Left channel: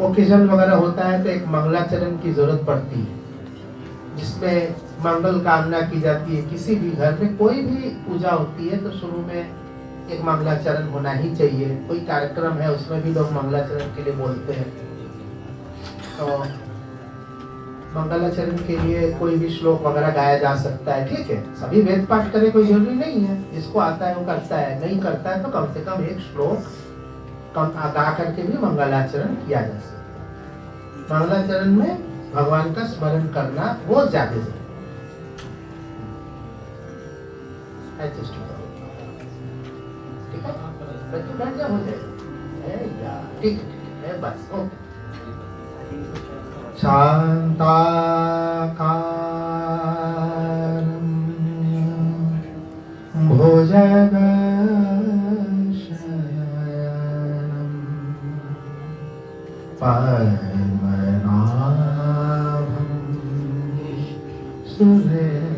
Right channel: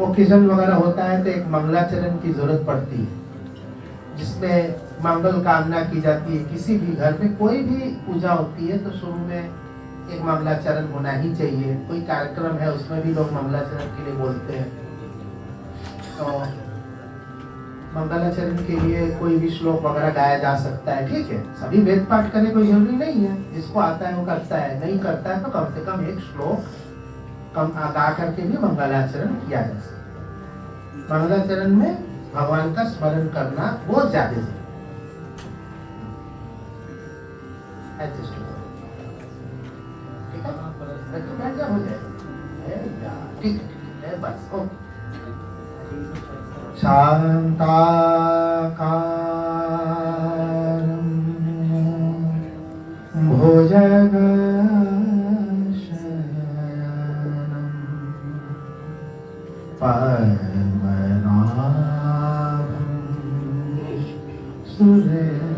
Occasion वगैरह होता है तो एक मंगलाचरण की जरूरत पड़ती है, जिसमें मंगल कामना की जाती है। किसी भी घर में कोई भी पूजा होती है तो शुरू में एक मंगलाचरण होना ही चाहिए। कोई कार्यक्रम है उसमें भी लोग मंगलाचरण के लिए बोलते हैं। तो मंगलाचरण के लिए कोई भी श्लोक वगैरह गाया जा सकता है, ठीक है। सभी वेद पाठ करे कोई जरूरी नहीं है, जिसको आता है वो करता है, नहीं करता है तो कम से कम एक श्लोक कम गा करके भी मंगलाचरण किया जा सकता है। मंगलाचरण में भगवान का स्मरण करना बहुत ज्यादा जरूरी है। ठीक है, बच्चे बैठ जाओ, हो जाए, ठीक है, बस ओके। शांताकारं भुजगशयनं पद्मनाभं सुरेशम्।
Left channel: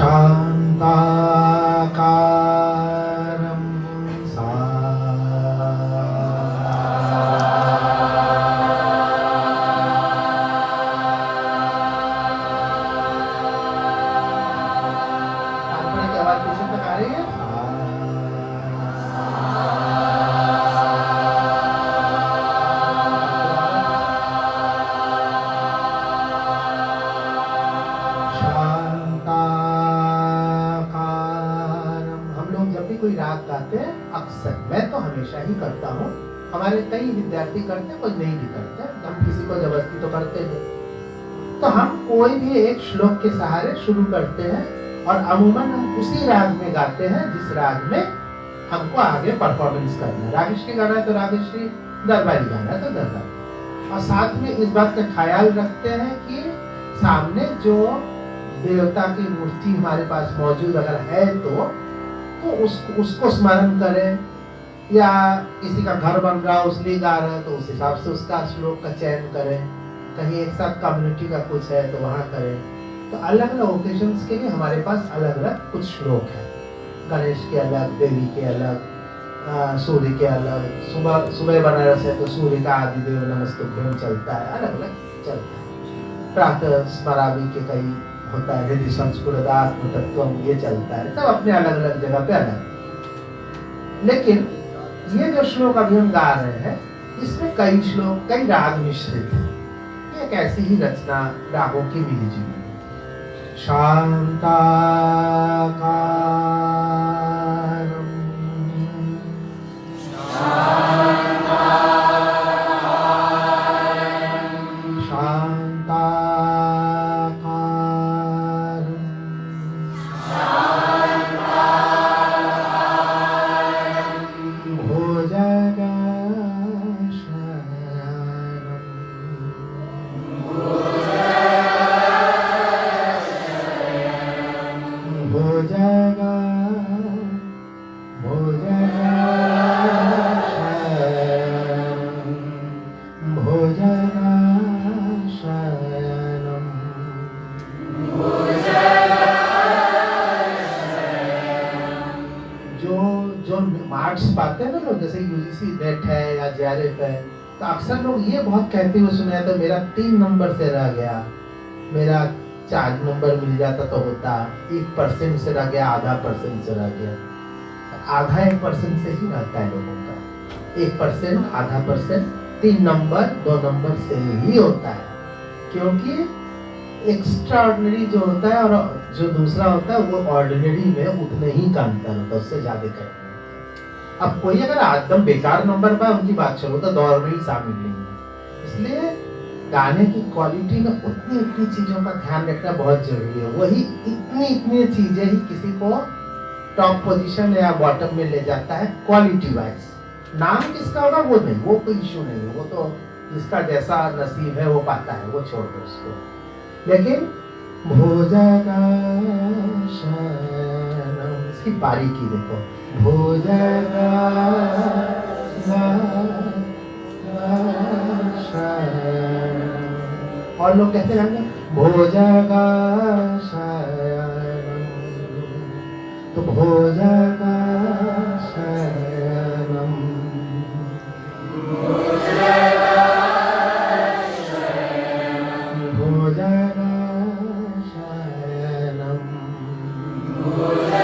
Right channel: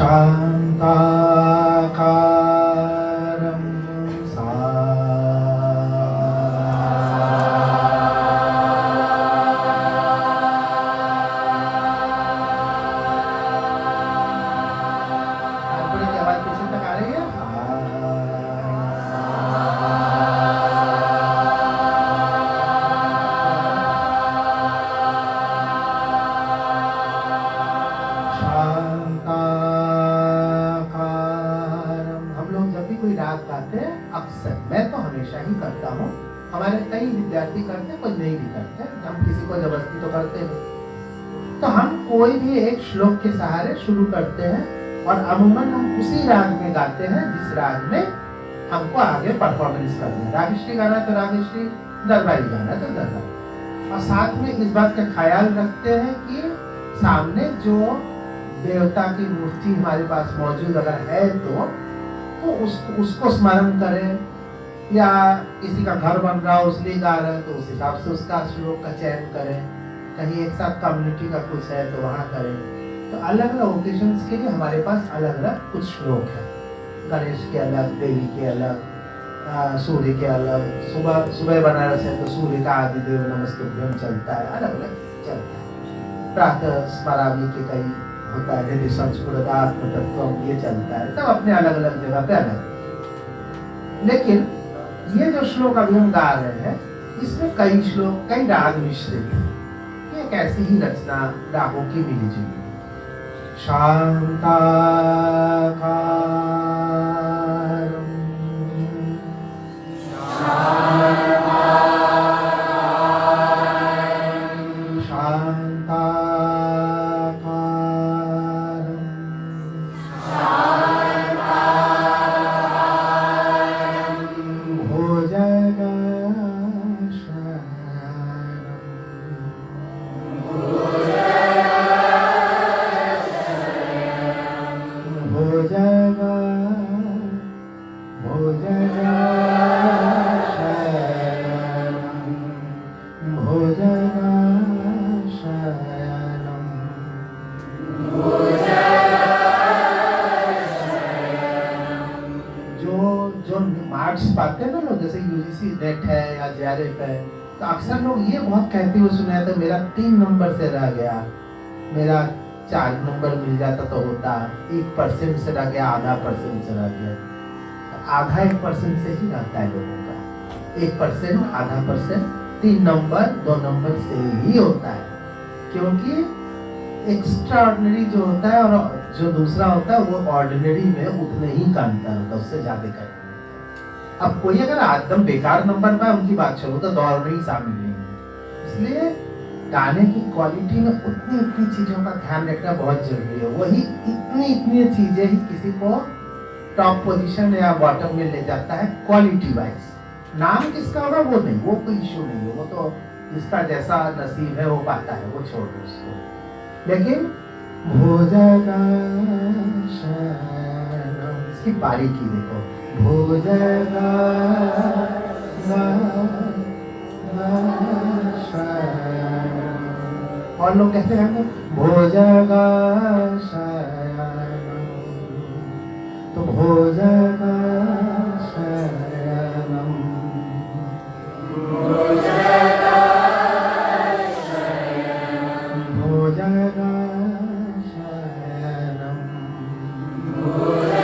शांताकारं कोई राग गाते हैं अक्सर, मैं तो हमेशा ही करता हूँ, हमारे कई विद्यार्थी करते हैं, कुछ नहीं भी करते, हम किसी को जबरदस्ती तो करते हैं। तो हम कोई भी एक श्लोक के सहारे शुरू करते हैं और अमूमन हम उसी राग में गाते हैं जिस राग में हमको आगे परफॉर्मेंस करना है। रागश्री गाना है तो रागश्री, दरबारी गाना है तो दरबारी। और साथ में इस बात का ख्याल रखते हैं कि सामने जो देवता की मूर्ति हमारे पास मौजूद अगर है तो उसको स्मरण करें, या किसी का घर बन रहा है उसलिए गा रहे हैं तो उस हिसाब से उसका श्लोक का चयन करें। कहीं एक साथ कम्युनिटी का कुछ है तो वहाँ करें। तो अलग अलग ओकेजन्स के लिए हमारे पास अलग अलग कुछ श्लोक है। गणेश के अलग, देवी के अलग, सूर्य के अलग, सुबह बनारस है तो सूर्य का आदिदेव नमस्तुभ्यं चलता है, अलग अलग चलता है। प्रातः स्मरामि के कई होता है, हृदय संस्फुरदात्म तत्त्वम, ये चलता है। सब अपने अलग अलग जगह पे अलग। लेकिन ये जो श्लोक अभी हम गा रहे हैं इसमें कई श्लोक, कई राग मिश्रित है। ये एक ऐसी ही रचना रागों की मिलीजुली। शांताकारं पाते हैं ना लोग, जैसे यूजीसी नेट है या जेआरएफ है, तो अक्सर लोग ये बहुत कहते हुए सुना है तो मेरा 3 नंबर से रह गया, मेरा 4 नंबर मिल जाता तो होता, 1% से रह गया, आधा % से रह गया। आधा 1% से ही रहता है लोगों का, 1% आधा %, 3 नंबर 2 नंबर से ही होता है। क्योंकि एक्स्ट्राऑर्डिनरी जो होता है और जो दूसरा होता है वो ऑर्डिनरी में उतने ही का अंतर होता है, उससे ज्यादा कर। अब कोई अगर एकदम बेकार नंबर पाए उनकी बात छोड़ो, तो दौड़ में ही शामिल नहीं है। इसलिए गाने की क्वालिटी में उतनी उतनी चीजों का ध्यान रखना बहुत जरूरी है। वही इतनी चीजें ही किसी को टॉप पोजीशन या बॉटम में ले जाता है क्वालिटी वाइज। नाम किसका होगा वो नहीं, वो कोई इश्यू नहीं है, वो तो जिसका जैसा नसीब है वो पाता है, वो छोड़ दो उसको। लेकिन भोजगा इसकी बारीकी देखो, भोजगा और लोग कहते हैं भोजगा तो भोजगा शयनम, भोजगा शयनम, भोजगा शयनम, भोजगा शयनम,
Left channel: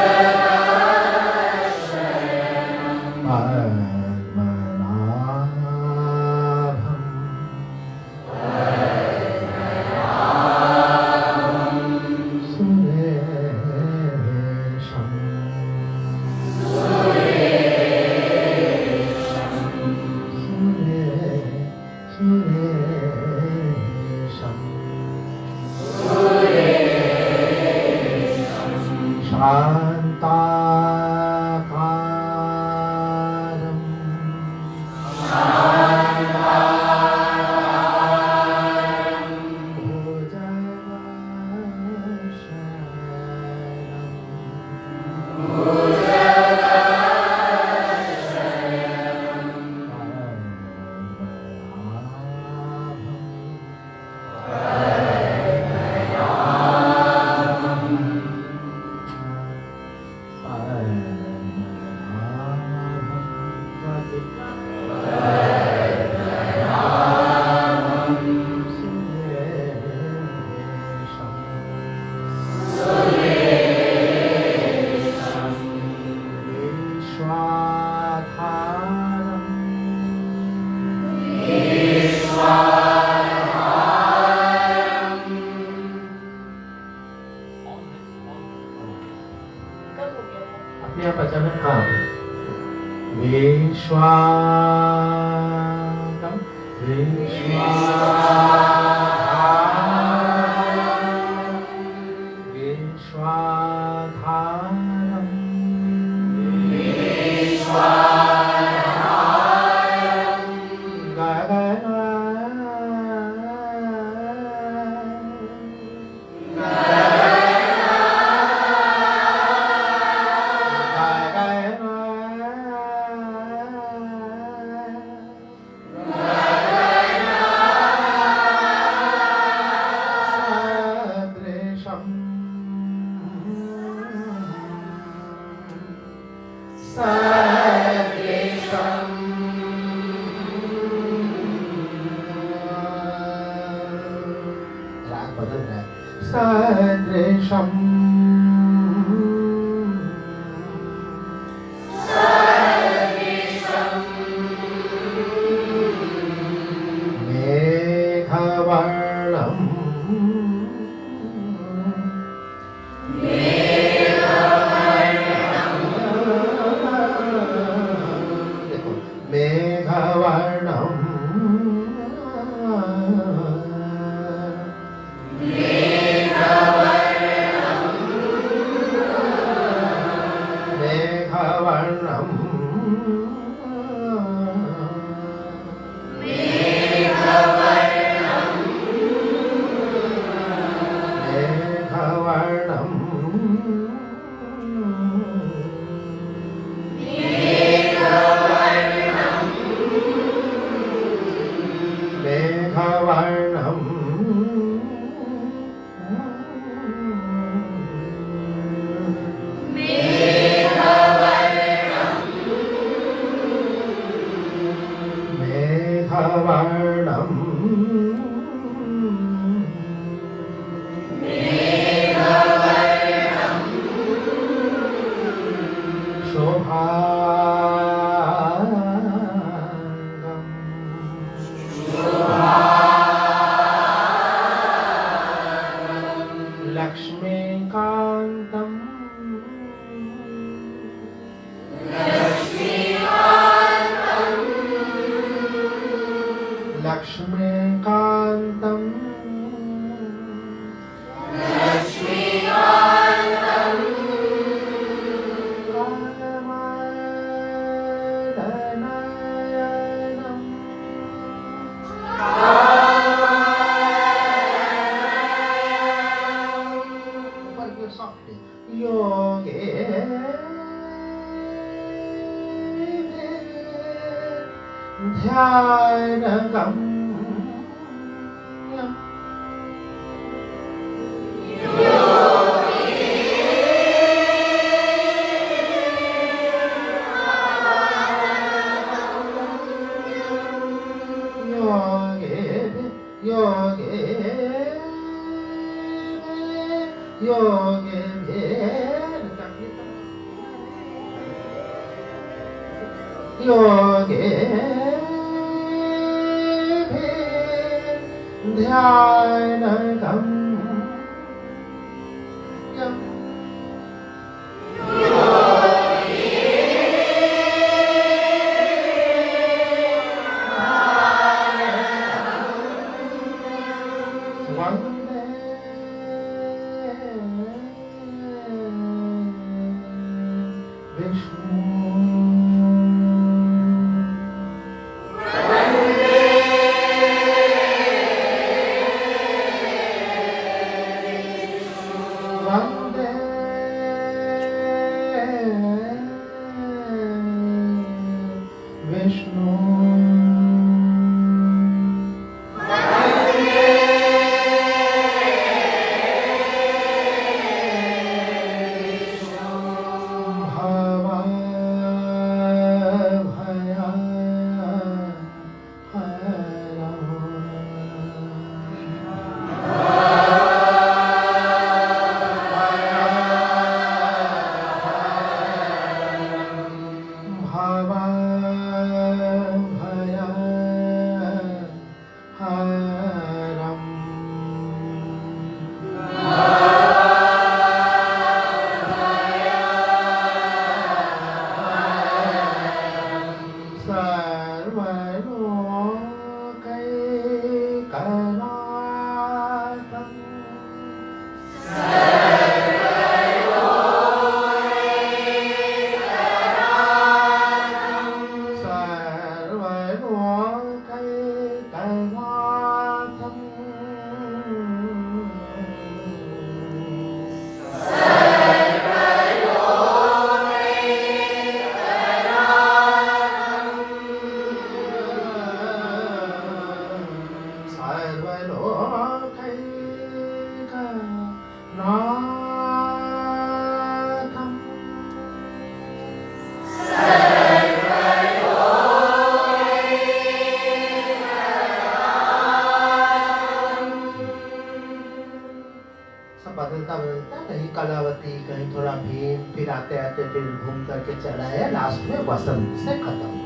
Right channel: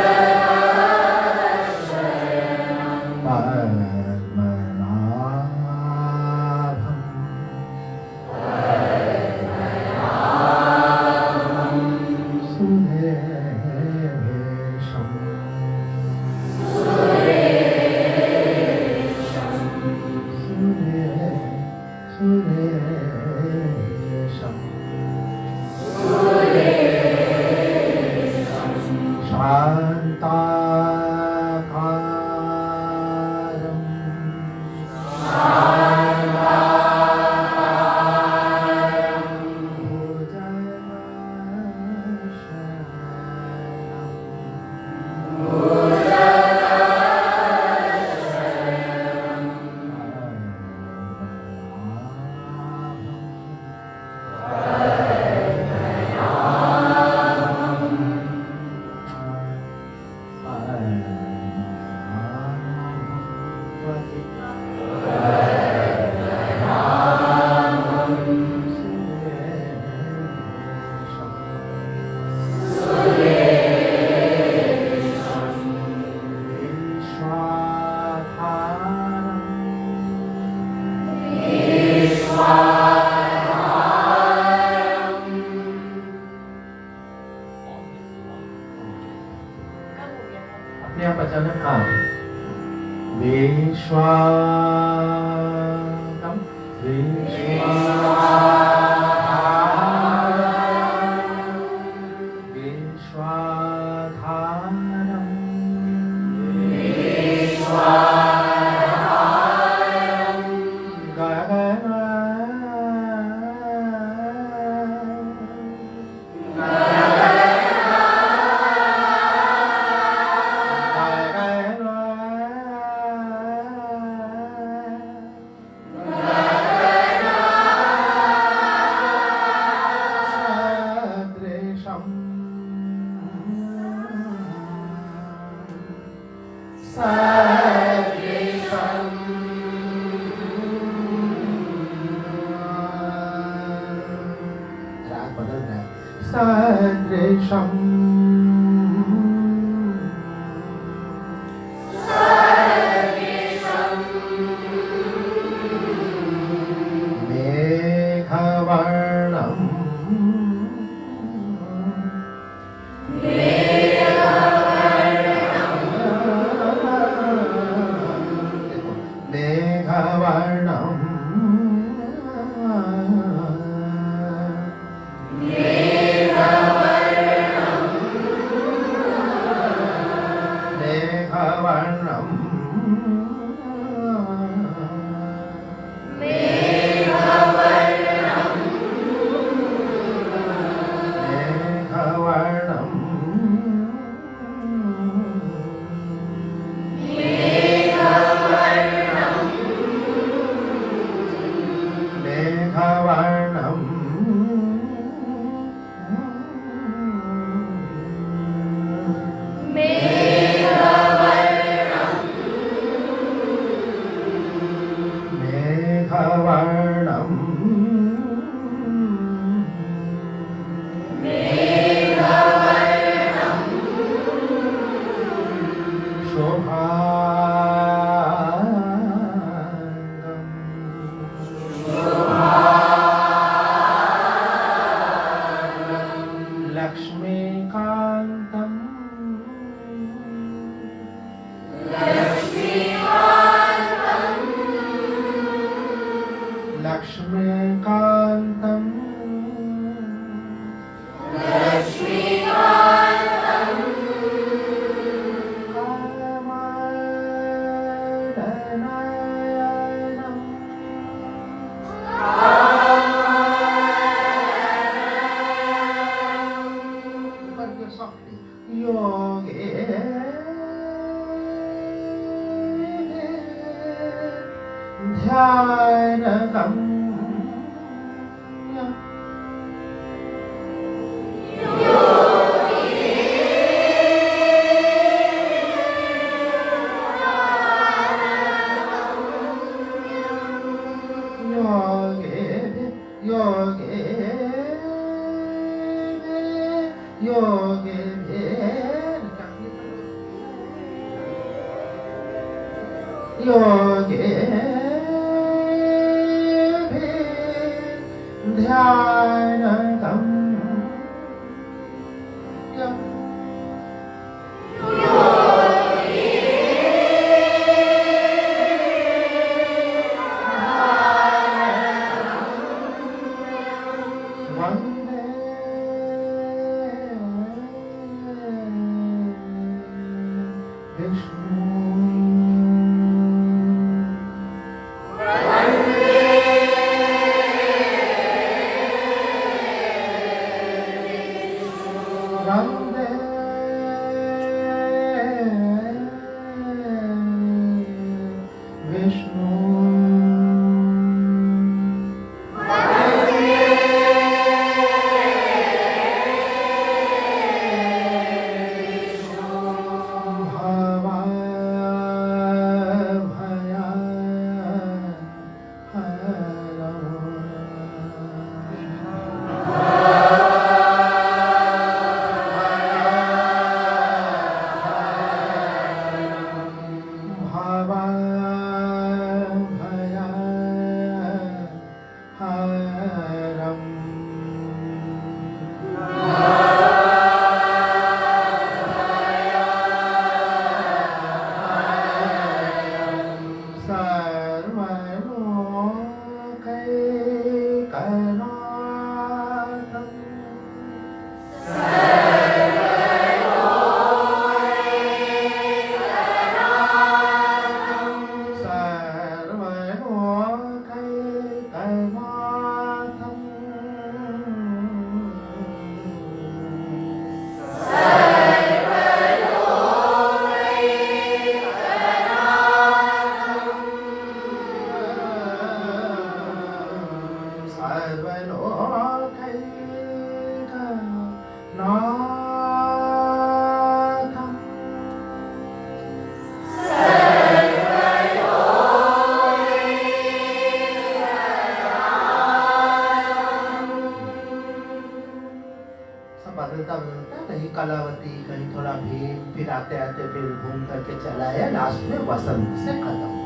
कलावती, कहीं थोड़ा भीम, फिर आते आते फिर घूम करके चला है, लास्ट में वसंत से खत्म।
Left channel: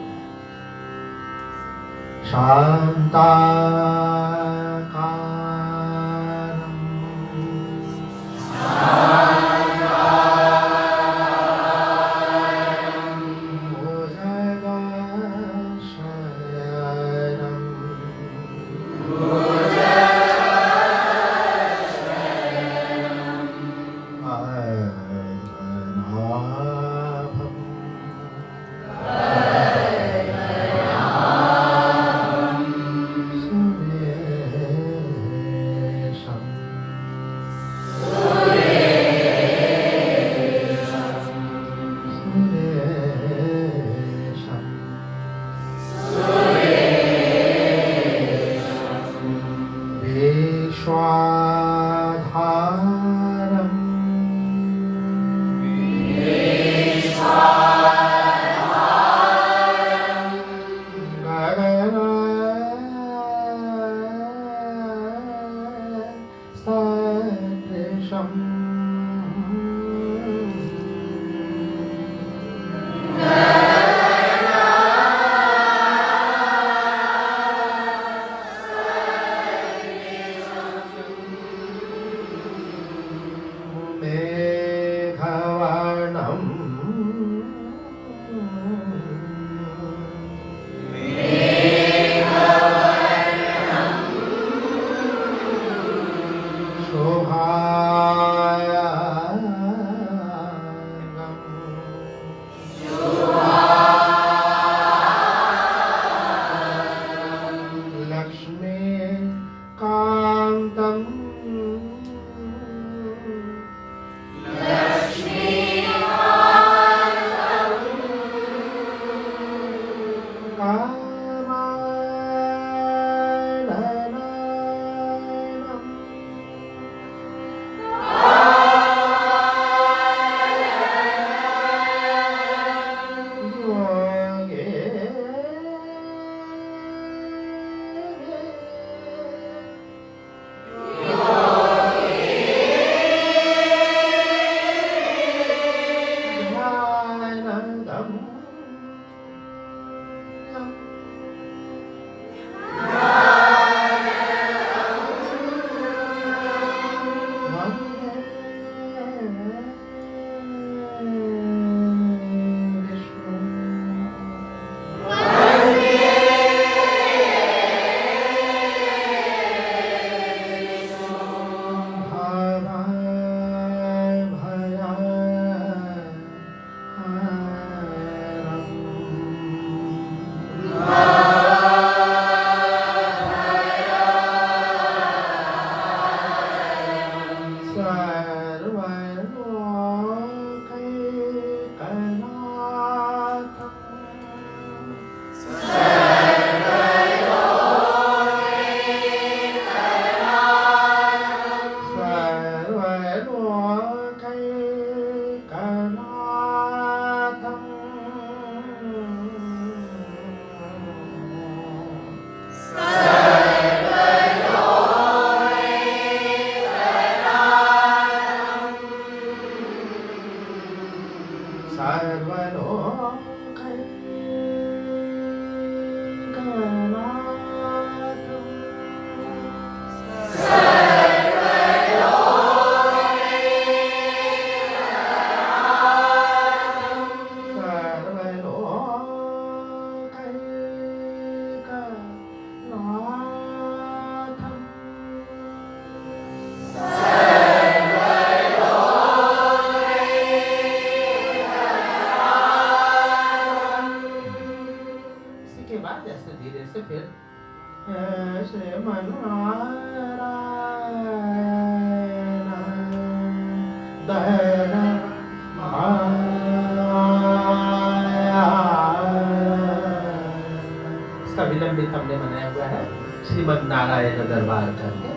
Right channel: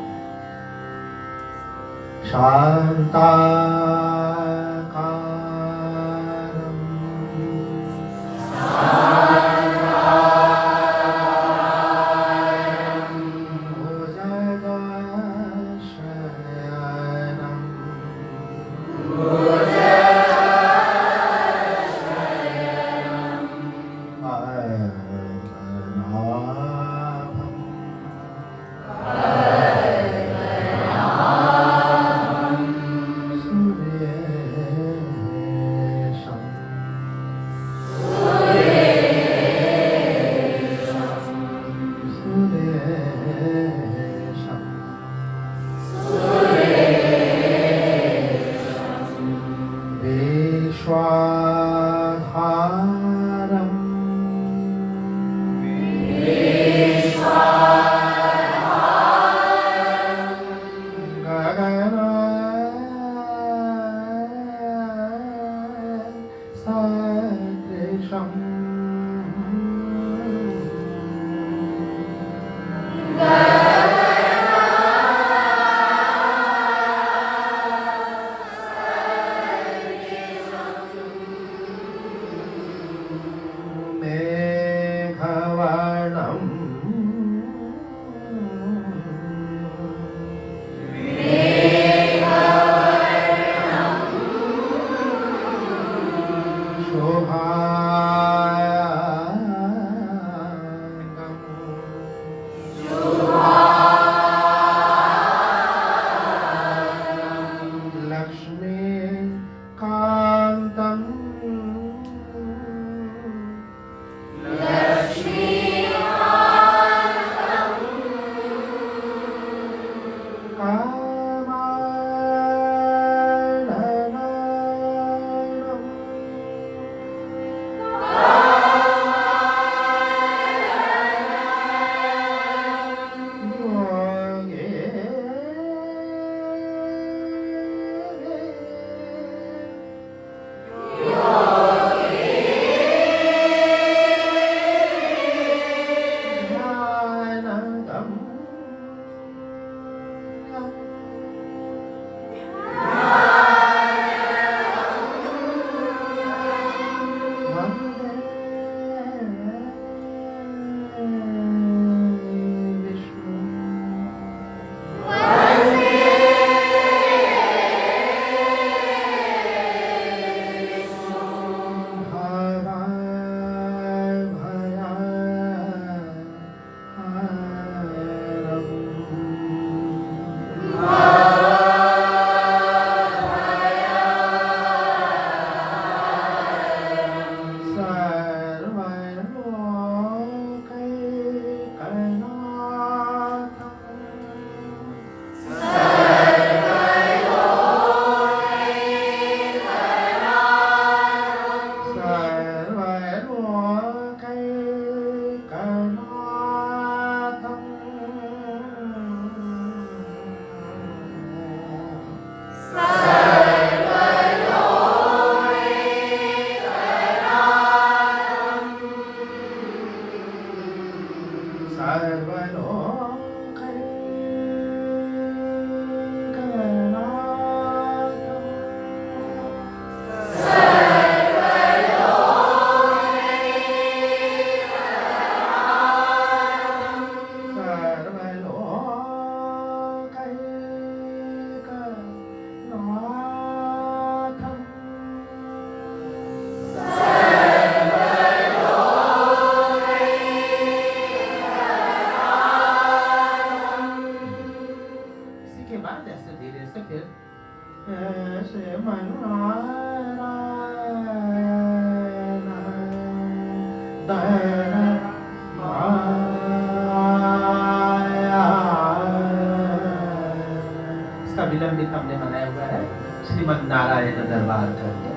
विलंबित हमने बनाया हुआ है श्रीमद नारायण दरबार करके।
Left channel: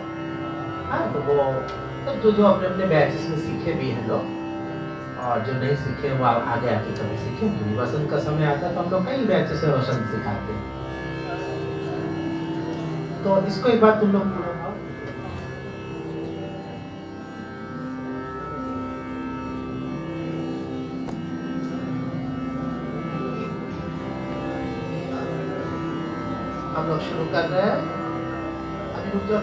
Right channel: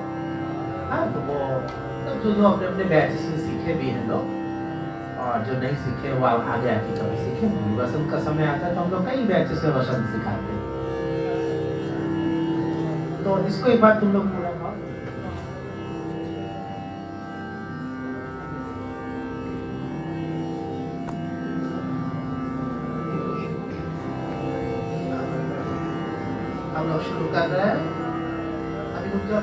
हाँ, तो वो तो जो अपने अपने बैचेस में सीखे भी हैं लोग, और जो नहीं सीखे वो आगे आके कभी सीखे। वसंत का समय आता है तो हम लोग कई बैचेस में वसंत सिखाते हैं। तो इसको एक बार तुम लोग पूरा हम लोग शुरू कर रहे हैं। अभी रुक जाओ,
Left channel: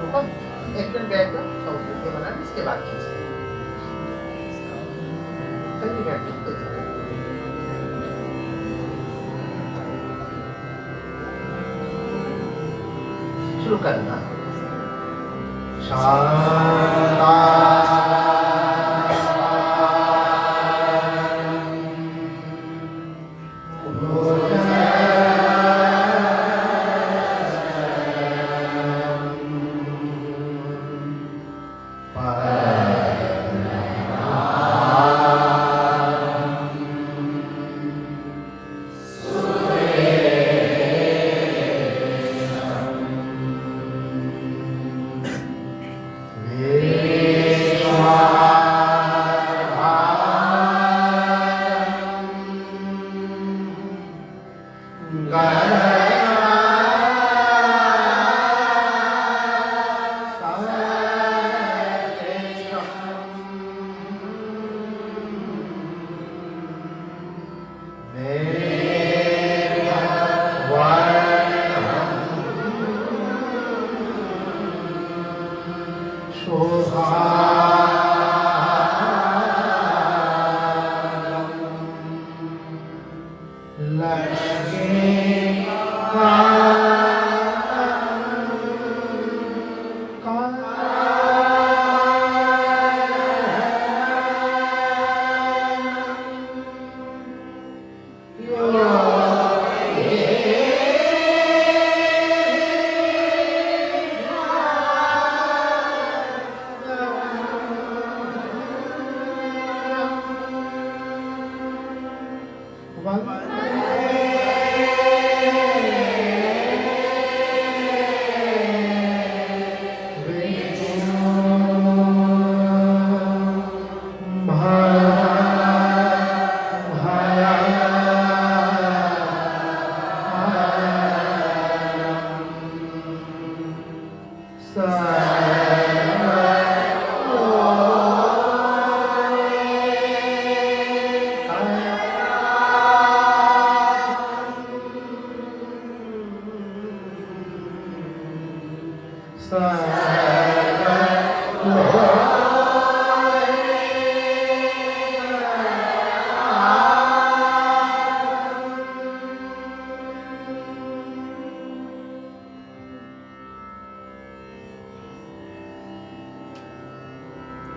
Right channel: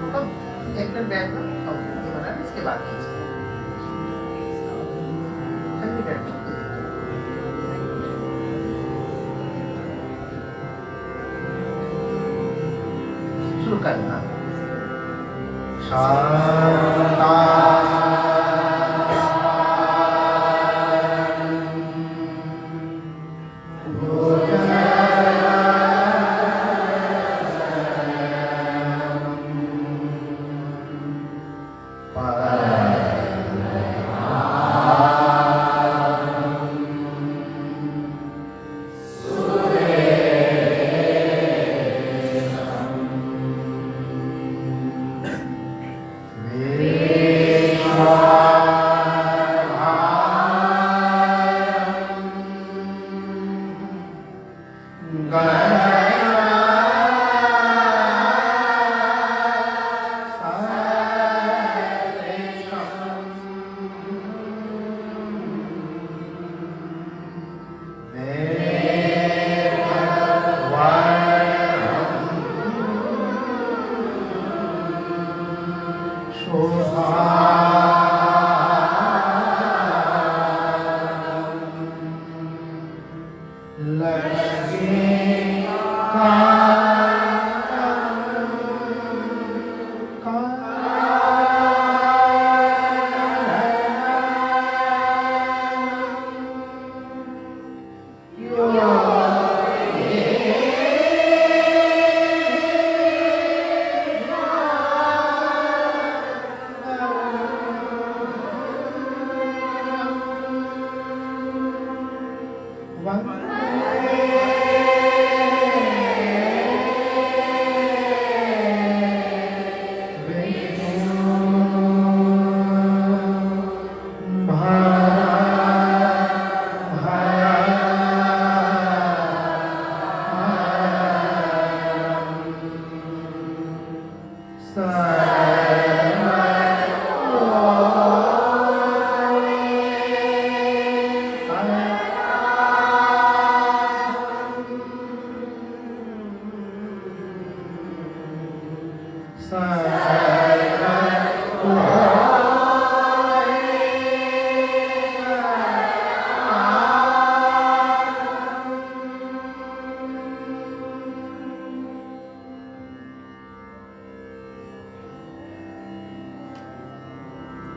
रुको, एक मिनट बैठ कर इसके बाद शुरू करना।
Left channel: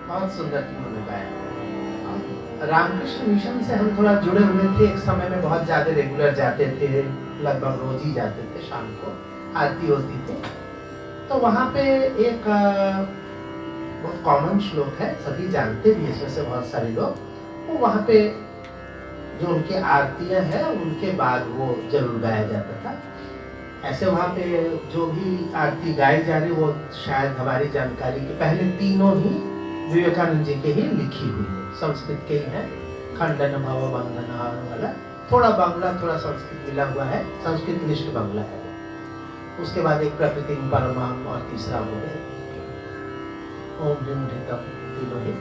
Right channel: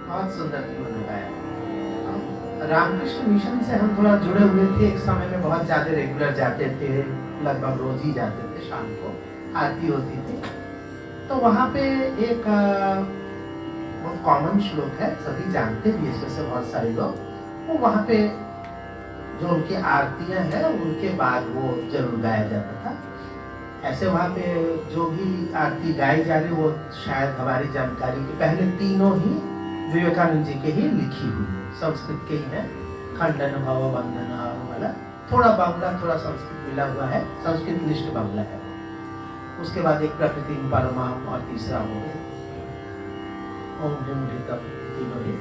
बहुत सुंदर तुमने बताया। रामकृष्ण मिशन से हम थोड़ा जुड़े हुए थे, एक समय में बहुत ज्यादा रेगुलर जाते थे, लगभग रोज ही जाते थे, शाम को आरती होती थी। तो वहाँ पे एक बहुत कॉमन श्लोक है, सभी जानते भी इसमें से बहुत सारे लोग, वो वहाँ पे जो उनकी आरतियां हैं उनके बाद वो जरूर गाया जाता था। ऐसे वहाँ पे जो भी आरती गाई जा रही वो शायद हमारी जानकारी के पहले तीनों ही विवेकानंद जी के ही लिखी हुई है, संस्कृत के ही है। खंडन भव बंधन वाला, थोड़ा बांग्ला थोड़ा संस्कृत मिला हुआ है, संस्कृत निष्ठ बांग्ला है। उसके बाद एक प्रकृति परमाम और तीसरा हो गया ओम ह्रीम ढितम, तीनों ही।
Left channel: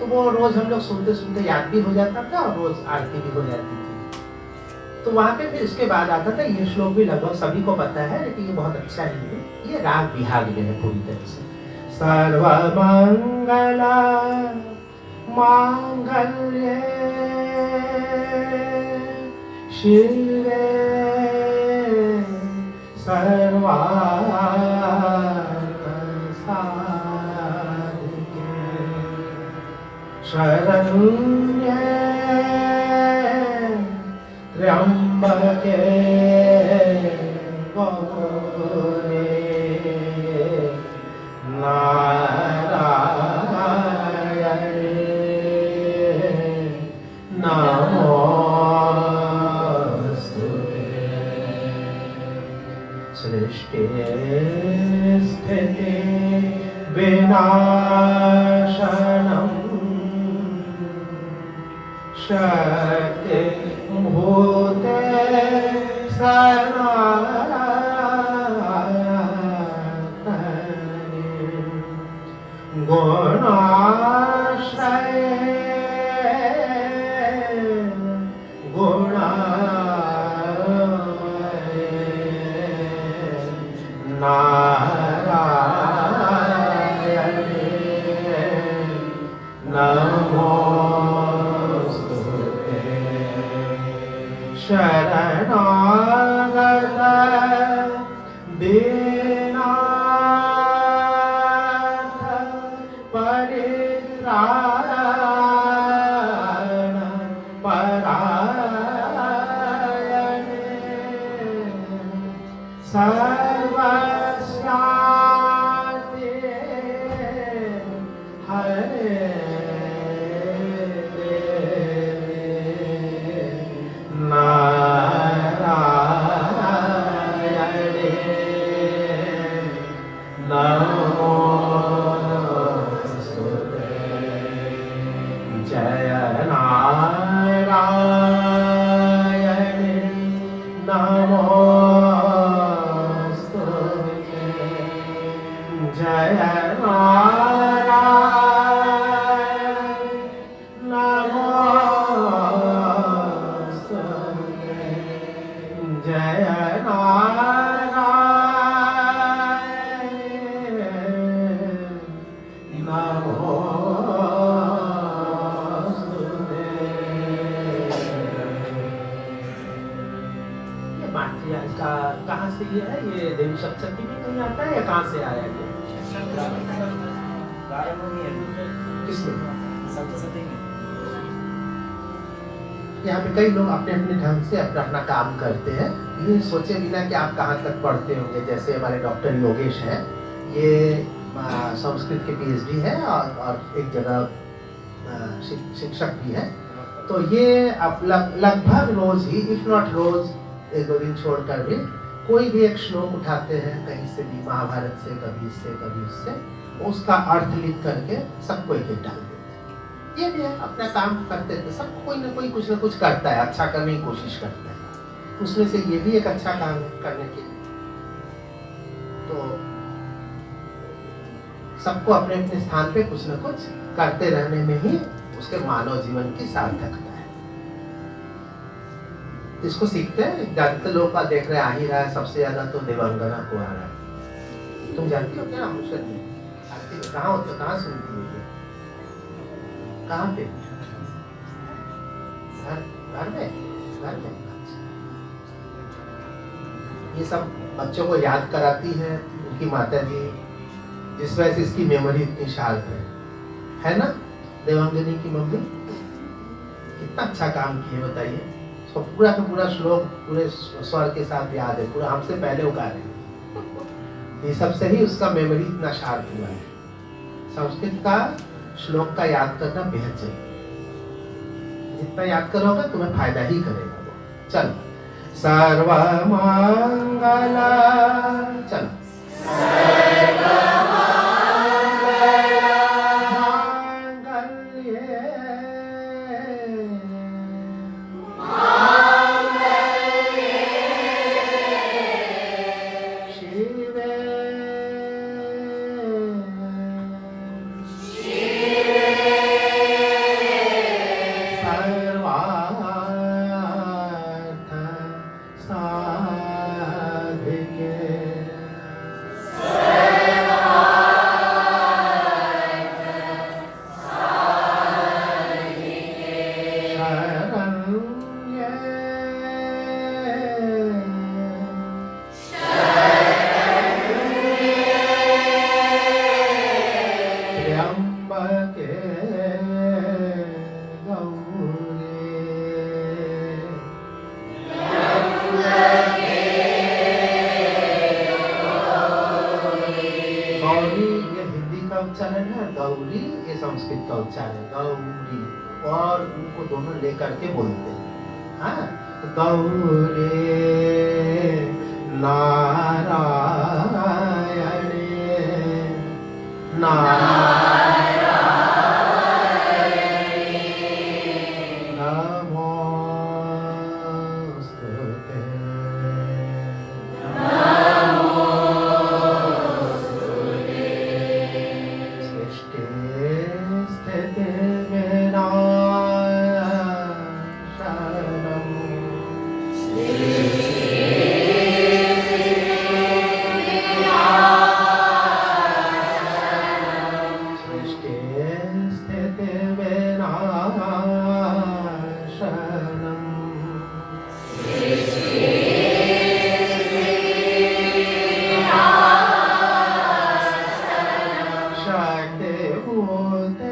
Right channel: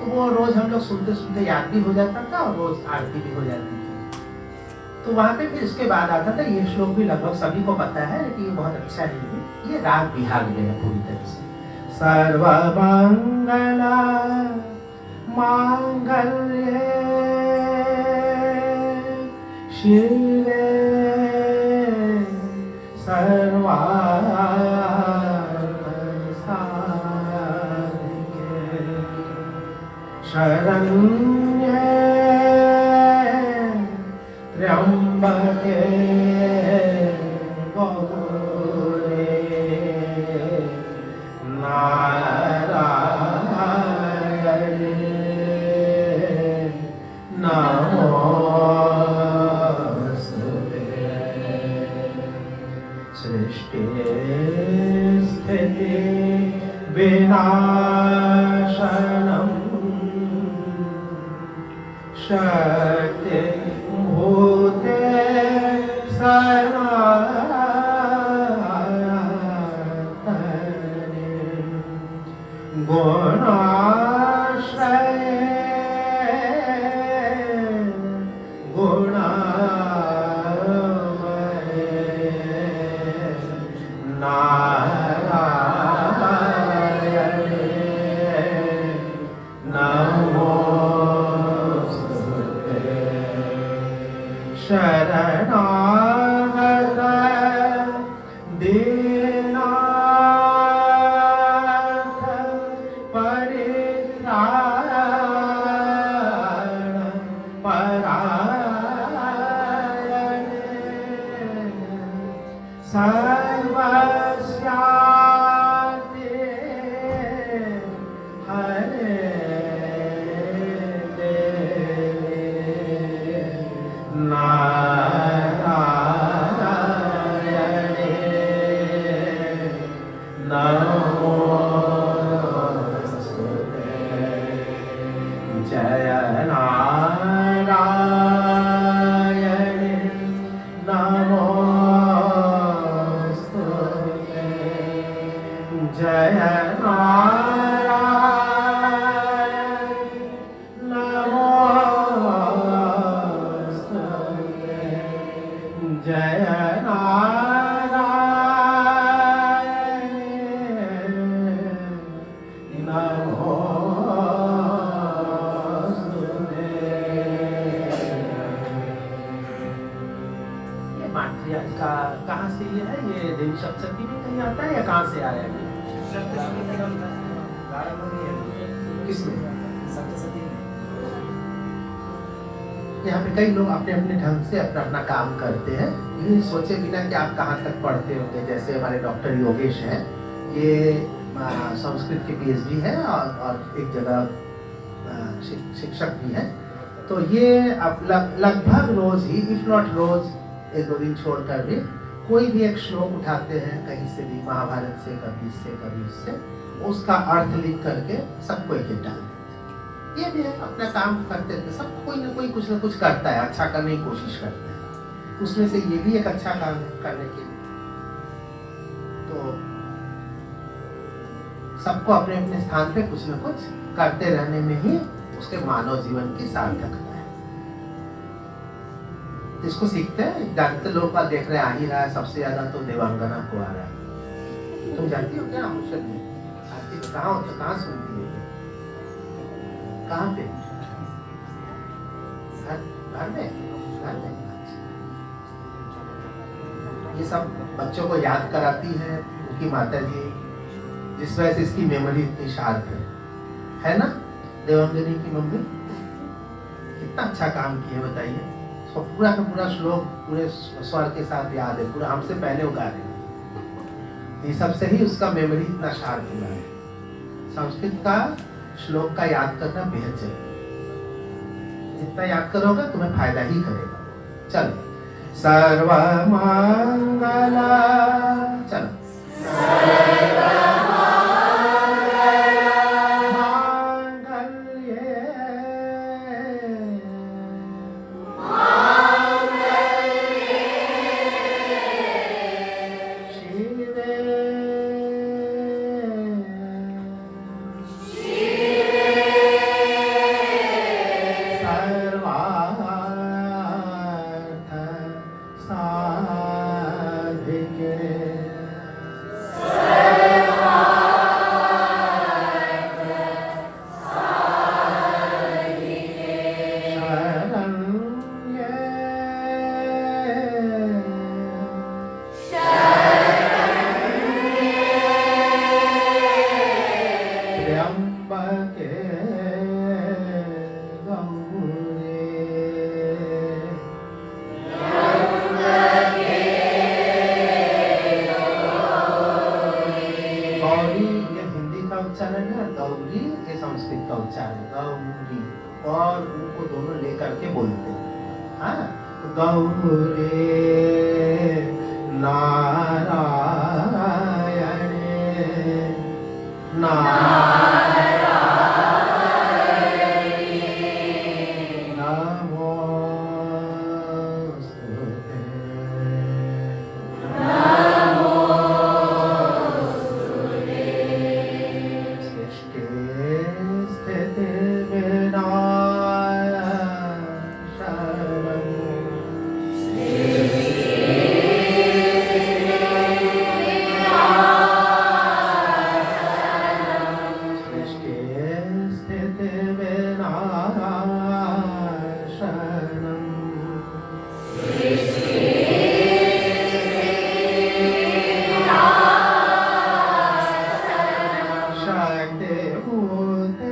तो वो रोज हम लोग सुनते सुनते याद भी हो जाता था और रोज आरती भी हो जाती थी। तो वहां पे फिर इसके बाद आता था, ये श्लोक भी लगभग सभी को पता है लेकिन ये बहुत अच्छा नहीं है, ये राग बिहाग में है पूरी तरह से। सर्वमंगला मांगल्ये शिवे सर्वार्थ साधिके शरण्ये त्र्यंबके गौरी नारायणे नमोस्तुते। सृष्टि स्थिति विनाशनम् शक्ति भूते सनातने गुणाश्रये गुणामये नारायणे नमोस्तुते। शरणागत दीनार्थ परित्राण परायणे सर्वस्यास्ते हरे नारायणे नमोस्तुते। जय नारायणे नमोस्तुते। जय नारायण नमोस्तुते। जय नारायण नमोस्तुते। ये मात्रिया इसका कहाँ से ये है? ये देवी सप्तशती भी कहीं आता है या कहाँ से आया ये? किसने? यहाँ पे कई लोग अपने अपने ढंग से अपना अपना काम करते हैं, ये सोचे बिना कि आप कहाँ तक पढ़ते होंगे। जैसे हमारे डॉक्टर योगेश हैं, ये संस्कृत के पीएचडी है और एक जगह शिक्षक भी है। तो ये आप लगभग रोज ही, इफ नॉट रोज, एक दो दिन छोड़कर भी कोई भी एक श्लोक उठाते हैं कहीं से भी, महाभारत से, कभी इससे कभी उससे, उसका अर्थ लिख करके सबको एक डाल देते। ये भी है, अपना काम करते थे सब, कोई ना कोई कुछ ना कुछ करता है, अच्छा करने की कोशिश करता है। उसमें से ये भी एक अच्छा काम करने की, तो सबको अपने अपने स्थान पे कुछ ना कुछ करते रहने में ही उसके मानव जीवन की सार्थकता है। इसको सीखते हैं, ज्यादातर लोग का देख रहे आ ही रहा है, सबसे ज्यादा तो देवांगना को आ रहा है। तुम जानती हो क्या औषध में कहाँ होते, कहाँ सुनती है, कहाँ पे? घर में। ये सब बच्चों को याद कराती है उनकी माता जी, जिस वजह से इसकी मेमोरी इतनी शार्प है ना? देवांगनी की मम्मी कितना अच्छा काम किए बताइए। उसको पूरा का पूरा श्लोक पूरे स्वर के साथ याद है, पूरा हमसे पहले वो गा रहे हैं। ये सबसे ही उसका मेमोरी इतना शार्प हुआ है। संस्कृत का श्लोक का याद करना बेहद जरूरी, जितना याद करोगे तुम्हें फायदा ही करेगा। चलो, सर्वमंगला, चलो ऊ को दोनों लेकर के बोलते हैं। हाँ, गौरे नारायणे नारायणे नमोस्तुते सृष्टि स्थिति विनाशनम् सृष्टि स्थिति विनाशनम् शक्ति भूते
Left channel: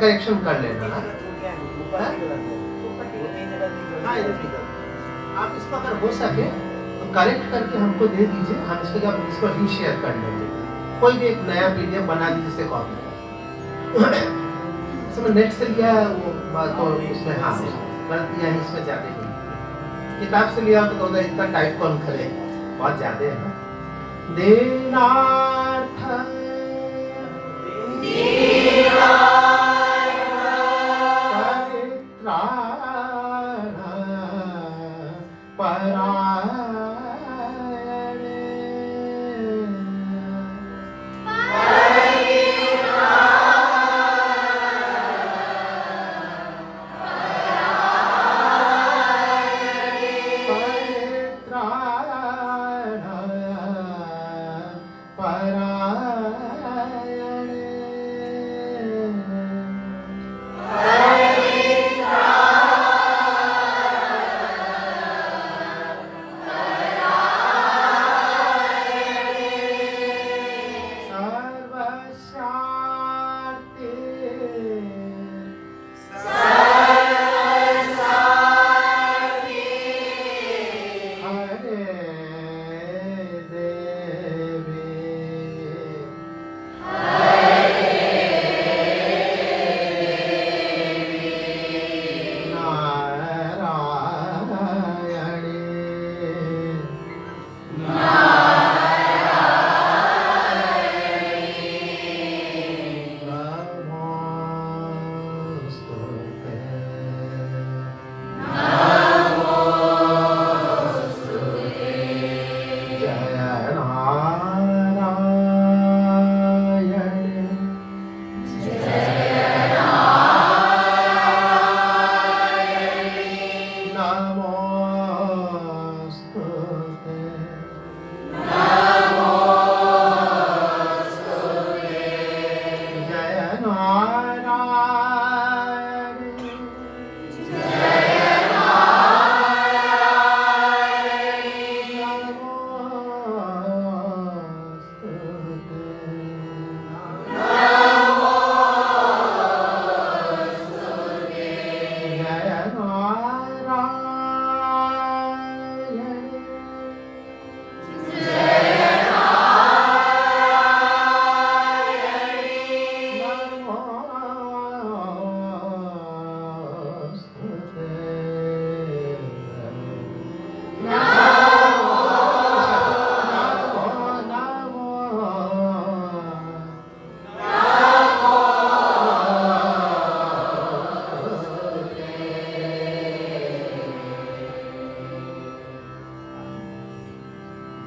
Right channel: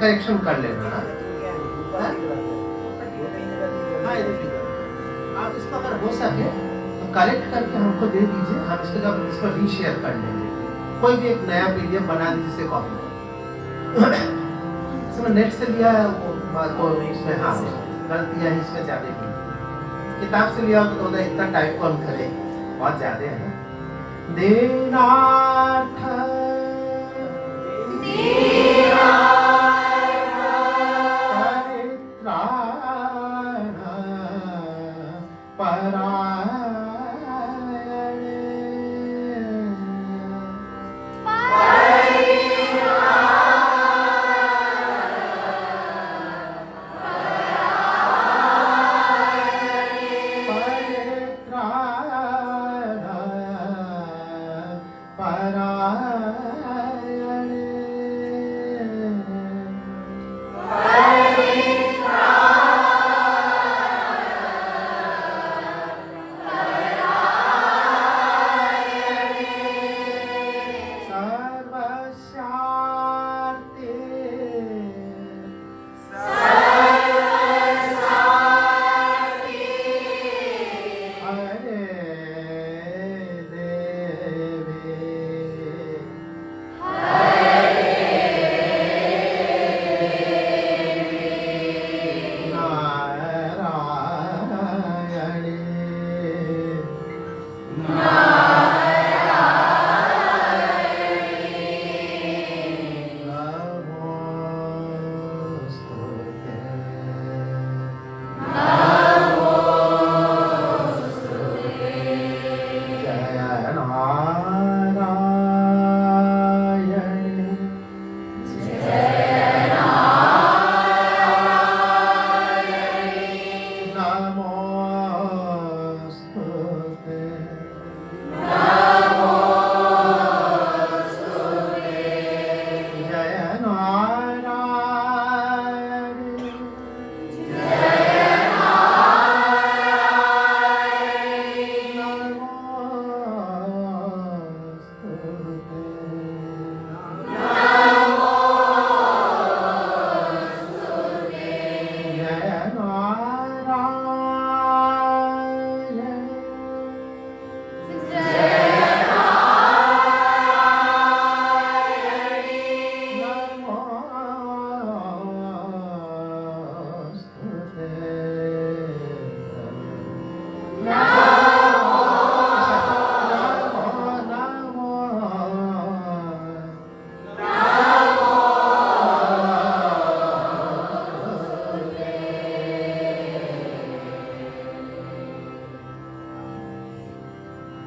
करेक्शन कर लेना। हाँ, इधर भी करो। आप इसको अगर हो सके तो करेक्ट करके हमको दे दीजिए, हम इसको जब इसको रीशेयर कर लेंगे। कोई भी एक नया पीडीएफ बना दीजिए जिससे कॉपी इसमें नेट से लिया वो तो इसमें हाँ गलतियाँ इसमें ज़्यादा हुई। किताब से लिया हो तो इतना टाइप कौन करे, बहुत ज़्यादा है ना। दीनार्थ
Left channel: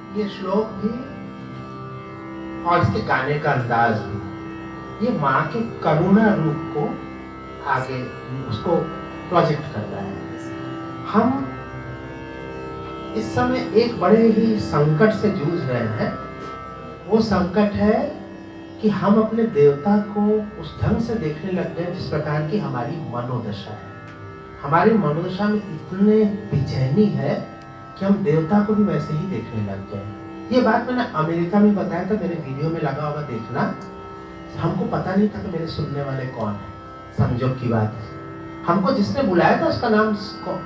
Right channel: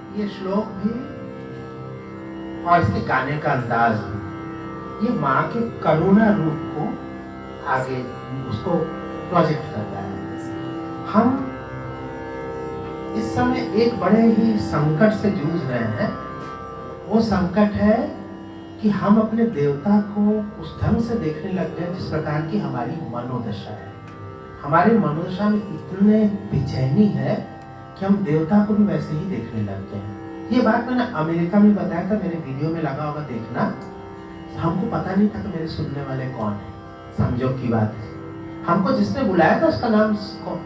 ये श्लोक भी और इसके गाने का अंदाज भी, ये माँ के करुणा रूप को आगे उसको प्रोजेक्ट करता है। हम इस समय एक बड़े ही संकट से जूझ रहे हैं। वो संकट है कि हम अपने देवता को उस ढंग से देखने लग गए जिस प्रकार की हमारी मनोदशा है। हमारी मनोदशा में इतने बेचैनी है कि हम देवता को भी वैसे ही देखने लग गए हैं। ये बात मैंने अमेरिका में बताया था, मेरे वीडियो में लगा होगा देखना। हमको पता नहीं था कि मेरे सुनने वाले कौन है। संजोग की बात है, हमको जिसने बुलाया था उसका नाम स्कॉट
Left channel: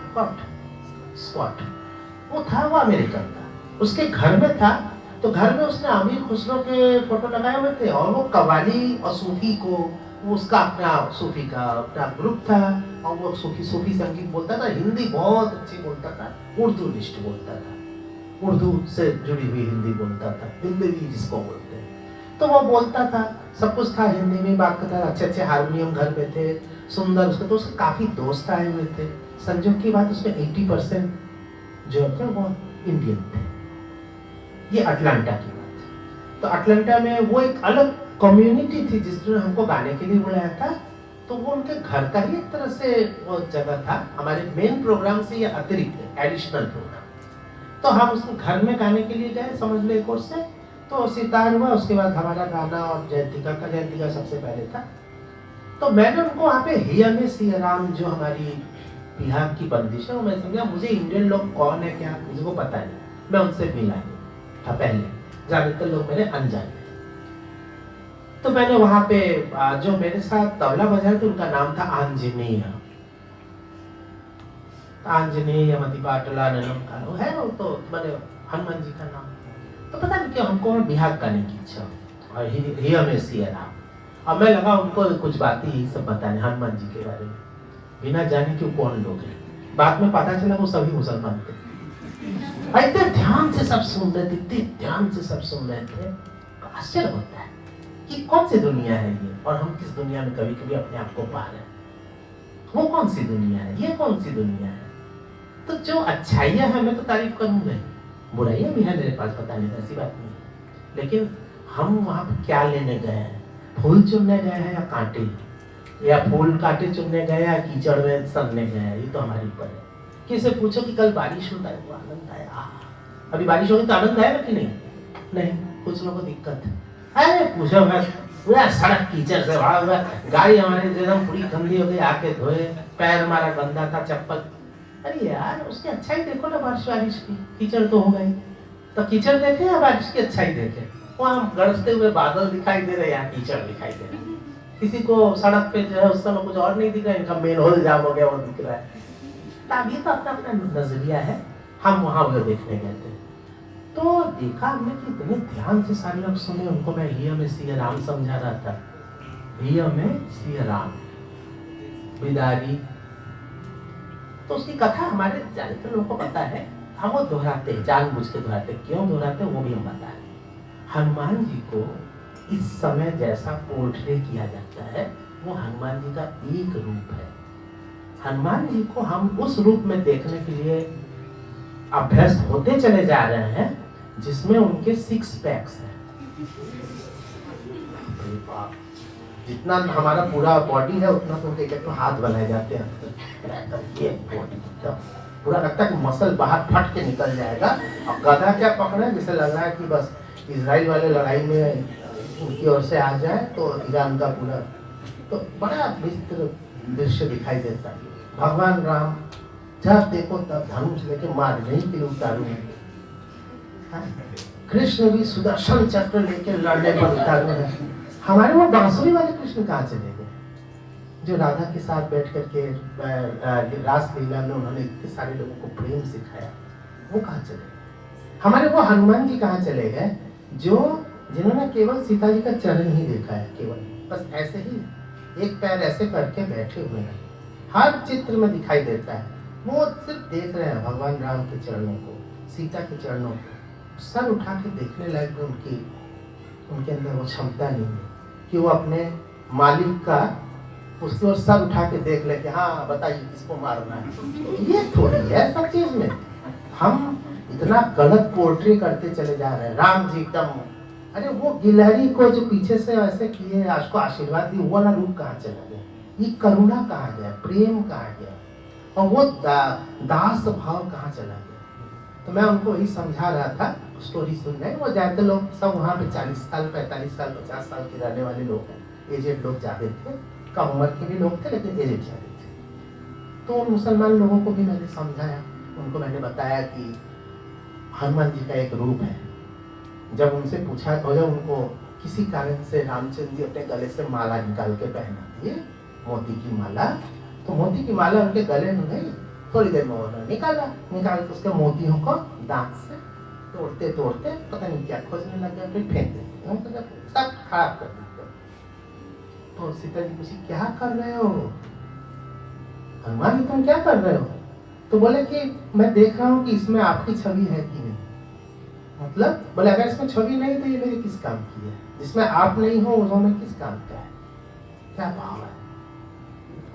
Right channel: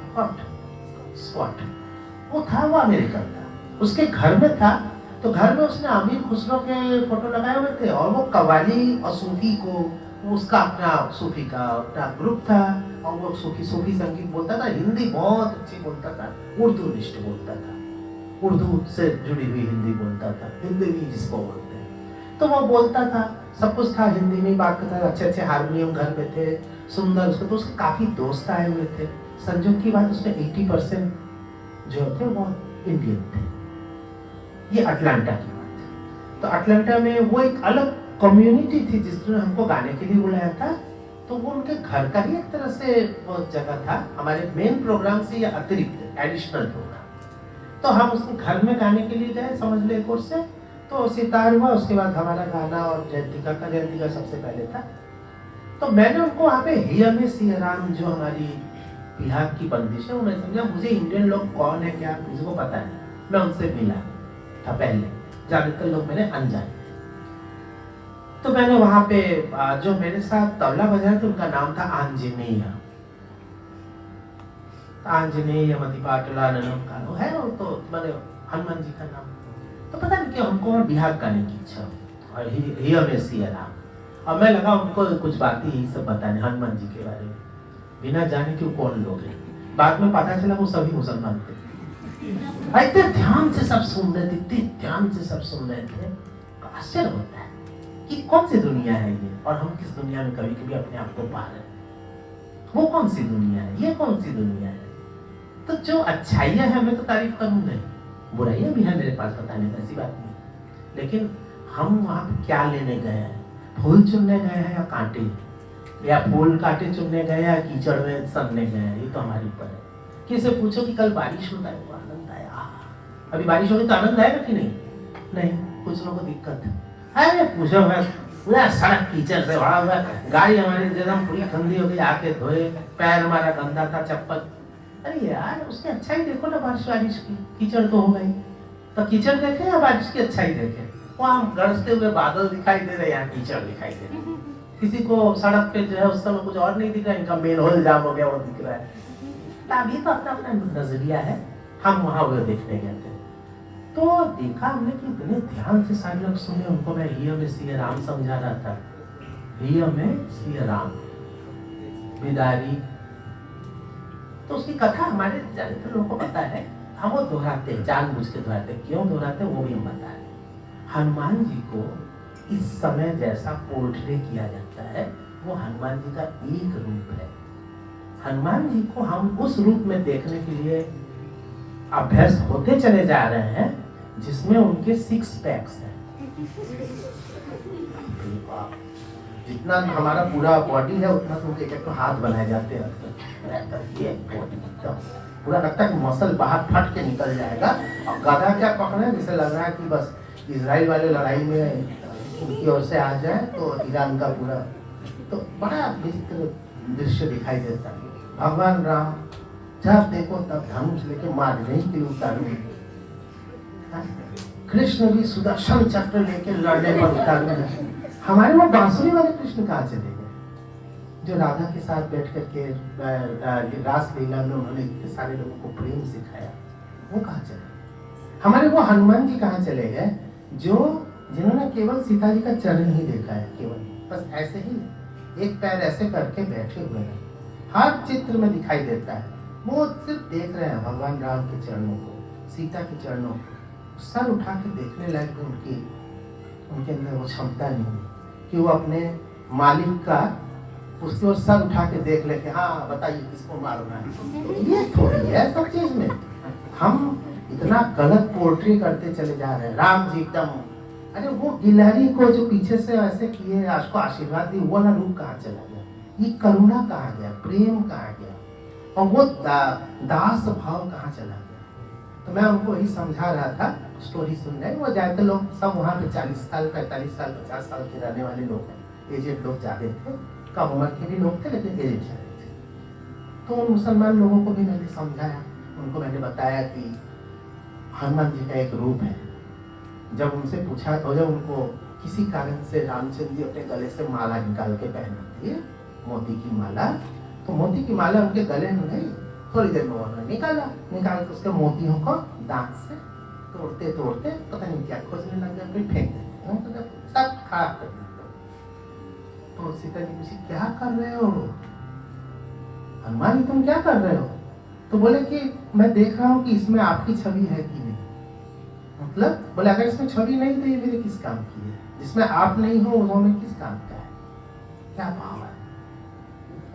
वो था, वो अमेरिकन था। उसके घर में था, तो घर में उसने अमीर खुसरो के फोटो लगाए हुए थे और वो कव्वाली और सूफी को, वो उसका अपना सूफी का अपना ग्रुप था और वो सूफी संगीत बोलता था। हिंदी बहुत अच्छी बोलता था, उर्दू निष्ठ बोलता था, उर्दू से जुड़ी हुई हिंदी बोलता था, हिंदी भी जिसको बोलते हैं। तो वो बोलता था, सब कुछ था, हिंदी में बात करता था, अच्छे अच्छे हारमोनियम घर में थे, सुंदर। उसको तो उसके काफी दोस्त आए हुए थे। संजोग की बात, उसमें 80% जो थे वो इंडियन थे। ये अटलांटा की बात है। तो अटलांटा में वो एक अलग कम्युनिटी थी जिसने हमको गाने के लिए बुलाया था। तो वो उनके घर का ही एक तरह से वो जगह था, हमारे मेन प्रोग्राम से या अतिरिक्त एडिशनल प्रोग्राम। तो हम उसको घर में गाने के लिए गए, समझ ले कोर्स से। तो सितार हुआ, उसके बाद हमारा गाना और जयंतिका सबसे पहले था। तो मैंने उनको वहाँ पे हियर में सिया राम जो हमारी बिहार की बंदिश है, मैं समझा मुझे इंडियन लोग कौन है क्या मुझे को पता नहीं। मैं उनसे मिला था पहले, ज्यादातर लोग मेरे अनजाने। तो मैंने वहाँ पे जो मेरे साथ तबला बजाया था उनका नाम था आंजनेय मतिपाटला नलो है, वो तो मैंने हनुमान जी का नाम। तो पता नहीं क्यों हमको बिहार करने की इच्छा हुई, हियर में सिया राम। और मैं लगा उनको कुछ बातें ही सब बताने हनुमान जी के बारे में, बिना जाने कि कौन लोग हैं। बाद में पता चला वो सभी मुसलमान थे। इतने ध्यान से सब सुन रहे थे, इतने ध्यान से सब सुन रहे थे। आश्चर्य होता है कि कौन सी दुनिया है ये, और हम किस दुनिया में कभी कभी अपने आप को पा रहे हैं। वो कौन सी दुनिया है, ये कौन सी दुनिया है। तो जो अच्छाइयां हैं मैं तो तारीफ करूंगा ही, बुराइयां भी है मेरे पास, पता नहीं, ऐसी बात नहीं। लेकिन हम वहां पे क्या लेने गए हैं, फूल चुनने गए हैं या कांटे, या फूल कांटे चुनने गए या कीचड़ में सड़ने गए हैं, ये तो हमारे ऊपर है। किसी से पूछो कि कल बारिश होता है तो आनंद आया, अभी बारिश होगी तो आनंद आएगा कि नहीं? कुछ लोगों को दिक्कत है। अरे पूछो मैं, पूरा सड़क कीचड़ से भरा हुआ, गाड़ी हमारे जगह पूरी गंदी हो गई, आके धोए, पैर हमारा गंदा था, चप्पल। अरे यार उसकी अच्छाई देखो ना, बारिश की, कीचड़ तो हो गई। तो कीचड़ देखे या बारिश की अच्छाई देखे? वहाँ गरजते हुए बादल दिखाई दे रहे, यहाँ कीचड़ दिखाई दे रहे। किसी को सड़क पे जो है उस समय कुछ और नहीं दिख रहा है, इनका मेन होल जाम हो गया और दिख रहा है। अभी तो अपना अपना नजरिया है। हम वहाँ वो देखने गए थे, तो देखा हमने कि इतने ध्यान से सारे लोग सुने। उनको मैं हियर में सिया राम समझा रहा था, हियर में सिया राम बिदारी। तो उसकी कथा हमारे ज्यादातर लोगों को पता है, हम वो दोहराते हैं, जानबूझ के दोहराते हैं। क्यों दोहराते हैं वो भी हम बताएं। हनुमान जी को इस समय जैसा पोर्ट्रे किया जाता है, वो हनुमान जी का एक रूप है। हनुमान जी को हम उस रूप में देखने के लिए अभ्यस्त होते चले जा रहे हैं जिसमें उनके 6 पैक्स हैं। जितना हमारा पूरा बॉडी है उतना तो उनके एक हाथ बनाए जाते हैं, ये पूरा लगता है कि मसल बाहर फट के निकल जाएगा। और गधा क्या पकड़े, जैसे लग रहा है कि बस इजराइल वाले लड़ाई में उनकी ओर से आ जाए तो ईरान का पूरा, तो बड़ा विचित्र दृश्य दिखाई देता है। भगवान राम जब देखो तब धनुष लेके मारने के लिए उतारे, कृष्ण भी सुदर्शन चक्र लेके लड़ने पर उतारे। हमारे वो बांसुरी वाले कृष्ण कहाँ चले गए, जो राधा के साथ बैठ करके रास लीला में उन्होंने इतने सारे लोगों को प्रेम सिखाया, वो कहाँ चले? हमारे वो हनुमान जी कहाँ चले गए, जो जिन्होंने केवल सीता जी का चरण ही देखा है, केवल बस ऐसे ही एक पैर ऐसे करके बैठे हुए हैं, हर चित्र में दिखाई देता है। वो सिर्फ देख रहे हैं भगवान राम के चरणों को, सीता के चरणों को। सर उठा के देखने लायक उनके अंदर वो क्षमता नहीं है कि वो अपने मालिक का उसकी ओर सर उठा के देख ले कि हाँ बताइए किसको मारना है। ये थोड़ी है सब चीज में। हम इतना गलत पोर्ट्री करते चले जा रहे हैं। राम जी एकदम, अरे वो गिलहरी को जो पीछे से ऐसे किए, उसको आशीर्वाद दी, वो ना रूप कहाँ चला गया? ये करुणा कहाँ गया? प्रेम कहाँ गया? और वो दास भाव कहाँ चला गया? तो मैं उनको वही समझा रहा था। स्टोरी सुन रहे, वो जाते लोग सब वहाँ पे 40 साल 45 साल 50 साल के रहने वाले लोग हैं, एजेड लोग ज्यादा थे, कम उम्र के भी लोग थे लेकिन एजेड ज्यादा थे। तो उन मुसलमान लोगों को भी मैंने समझाया, उनको मैंने बताया कि हनुमान जी का एक रूप है। जब उनसे पूछा तो जब उनको किसी कारण से रामचंद्र जी अपने गले से माला निकाल के पहनाते हैं, मोती की माला, तो मोती की माला उनके गले में गई। थोड़ी देर में उन्होंने निकाल के उसके मोतियों को दांत से तोड़ते तोड़ते पता नहीं क्या खोजने लग गया, फिर फेंक देते, सब खराब कर दिया। तो सीता जी पूछी क्या कर रहे हो हनुमान जी, तुम क्या कर रहे हो? तो बोले कि मैं देख रहा हूँ कि इसमें आपकी छवि है कि नहीं। मतलब बोले अगर इसमें छवि नहीं तो ये मेरे किस काम की है? जिसमें आप नहीं हो उन्होंने किस काम का है? क्या भाव है?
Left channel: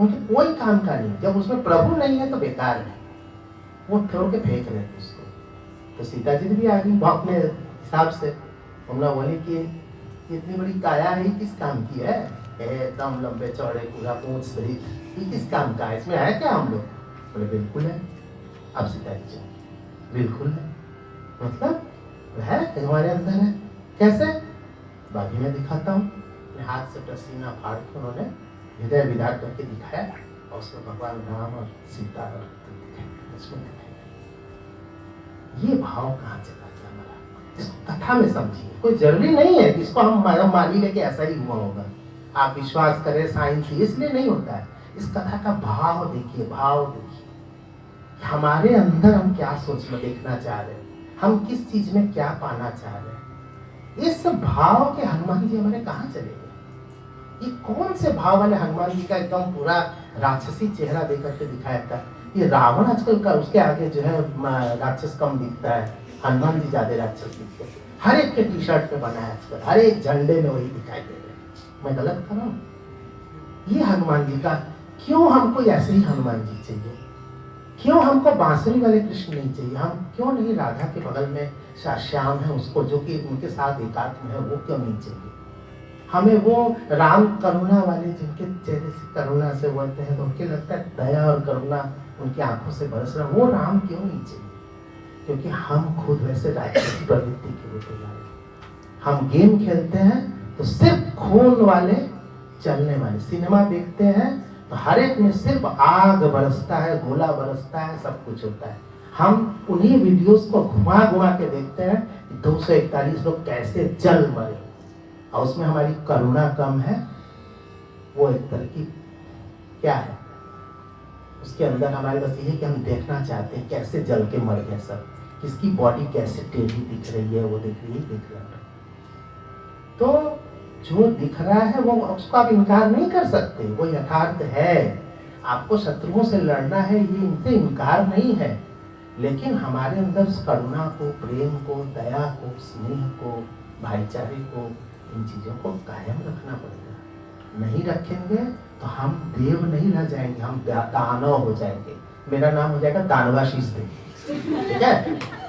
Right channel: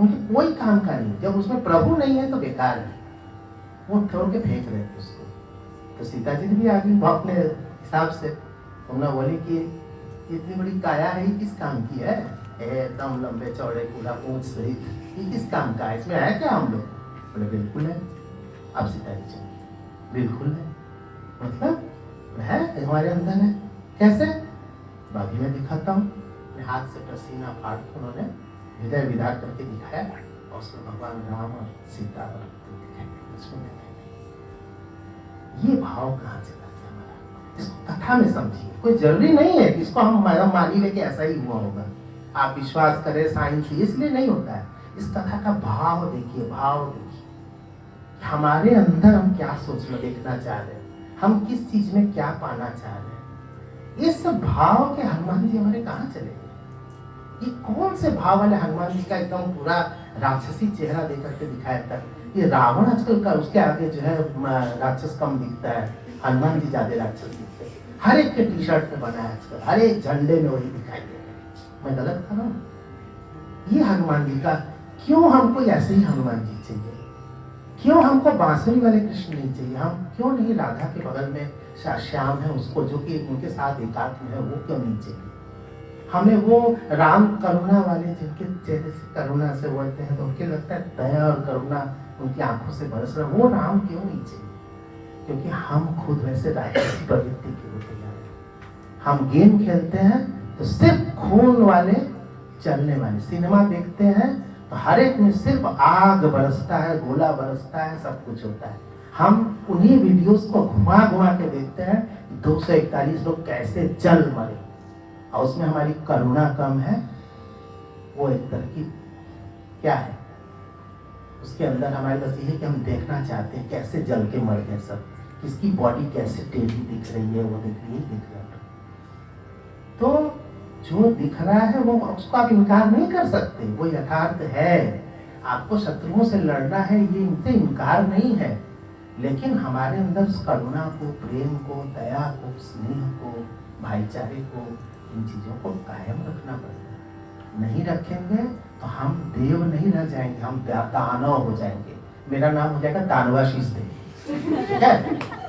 उनके कोई काम का नहीं। जब उसमें प्रभु नहीं है तो बेकार है, वो छोड़ के फेंक रहे थे उसको। तो सीता जी भी आ गई वो अपने हिसाब से, उन्होंने बोली कि इतनी बड़ी काया है, किस काम की है? एकदम लंबे चौड़े पूरा पूंछ सहित, ये किस काम का है? इसमें है क्या हम लोग? बोले बिल्कुल है। अब सीता जी बिल्कुल है, मतलब है कि हमारे अंदर है। कैसे? बाकी मैं दिखाता हूँ। हाथ से पसीना फाड़ कर उन्होंने हृदय विदार करके दिखाया, और उसमें भगवान राम और सीता ये भाव कहाँ चला गया हमारा? इसको कथा में समझिए। कोई जरूरी नहीं है कि इसको हम मान लेके ऐसा ही हुआ होगा, आप विश्वास करें साइंस, इसलिए नहीं होता है। इस कथा का भाव देखिए, भाव देखिए, हमारे अंदर हम क्या सोचना देखना चाह रहे हैं, हम किस चीज में क्या पाना चाह रहे हैं। इस भाव के हनुमान जी हमारे कहाँ चले गए? ये कौन से भाव वाले हनुमान जी का एकदम पूरा राक्षसी चेहरा देख करके दिखाया था। ये रावण आजकल का, उसके आगे जो है राक्षस कम दिखता है, हनुमान जी ज्यादा राक्षस दिखते हैं। हर एक के टी शर्ट पे बना है आजकल, हर एक झंडे में वही दिखाई दे रहे हैं। मैं गलत कर रहा हूँ? ये हनुमान जी का, क्यों हमको ऐसे ही हनुमान जी चाहिए? क्यों हमको बांसुरी वाले कृष्ण नहीं चाहिए? हम क्यों नहीं राधा के बगल में श्याम है उसको, जो कि उनके साथ एकात्म है, वो क्यों नहीं चाहिए? हमें वो राम करुणा वाले, जिनके चेहरे से करुणा से बोलते हैं तो उनके लगता है दया और करुणा उनकी आंखों से बरस रहा, वो राम क्यों नहीं चाहिए? क्योंकि हम खुद वैसे राक्षसी प्रवृत्ति के होते जा रहे हैं। हम गेम खेलते हैं तो सिर्फ खून वाले चलने वाले, सिनेमा देखते हैं तो हर एक में सिर्फ आग बरसता है, गोला बरसता है, सब कुछ होता है। हम उन्हीं वीडियोस को घुमा घुमा के देखते हैं, 241 लोग कैसे जल मरे, और उसमें हमारी करुणा कम है। वो एक तरह की क्या है उसके अंदर हमारे बस यही कि हम देखना चाहते हैं कैसे जल के मर गए सब, किसकी बॉडी कैसे टेढ़ी दिख रही है, वो दिख रही है। तो जो दिख रहा है वो उसको आप इनकार नहीं कर सकते, वो यथार्थ है। आपको शत्रुओं से लड़ना है, ये इनसे इनकार नहीं है, लेकिन हमारे अंदर उस करुणा को, प्रेम को, दया को, स्नेह को, भाईचारे को, इन चीजों को कायम रखना पड़ेगा। नहीं रखेंगे तो हम देव नहीं रह जाएंगे, हम दानव हो जाएंगे। मेरा नाम हो जाएगा दानवाशीष देव, ठीक है?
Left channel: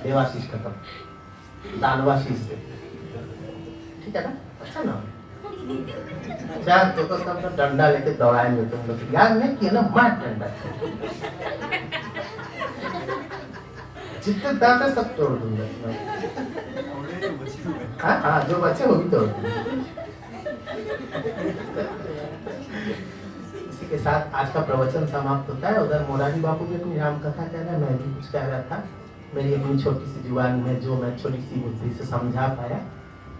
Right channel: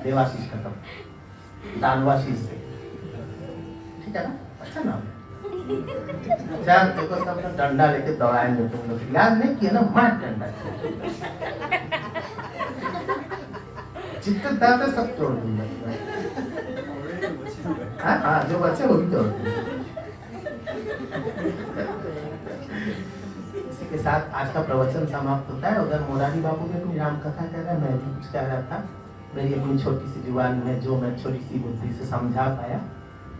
देवाशीष खत्म, दानवाशीष देव, ठीक है ना? अच्छा नाम है। चार देखो सब डंडा लेके दौड़ाएंगे तुम लोग, याद नहीं किया ना? मार डंडा, जितने दांत है सब तोड़ दूंगा। हाँ, जो बचे वो भी तोड़ दूंगा। इसी के साथ आज का प्रवचन समाप्त होता है। उधर मोरारी बाबू ने अपनी राम कथा कह रहा है, मैं भी कुछ कह रहा था। मेरी अपनी छोटी सी जुबान में जो मैं छोटी सी बुद्धि से समझा पाया,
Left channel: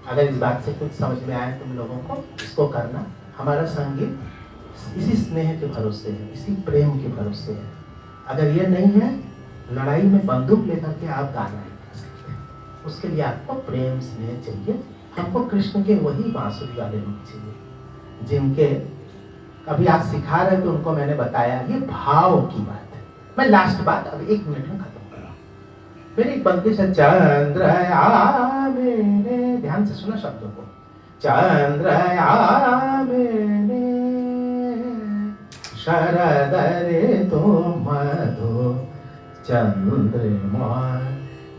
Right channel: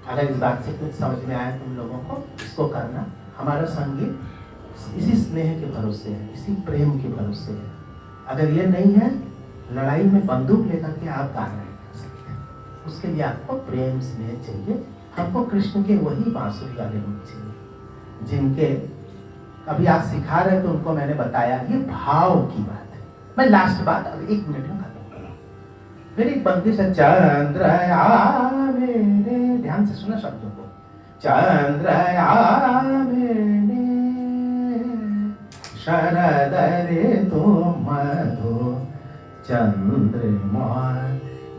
अगर इस बात से कुछ समझ में आए तुम लोगों को, इसको करना। हमारा संगीत इसी स्नेह के भरोसे है, इसी प्रेम के भरोसे है। अगर ये नहीं है, लड़ाई में बंदूक लेकर के आप गाना नहीं कर सकते। उसके लिए आपको प्रेम स्नेह चाहिए। हमको कृष्ण के वही बांसुरी वाले लोग चाहिए, जिनके अभी आप सिखा रहे तो उनको मैंने बताया, ये भाव की बात है। मैं लास्ट बात अब 1 मिनट में खत्म कर रहा हूँ। मेरी एक बंदी से चंद्रया मेरे, ध्यान से सुना शब्दों को, चंद्रया मेरे शरद रे तो मधु चंद्रमा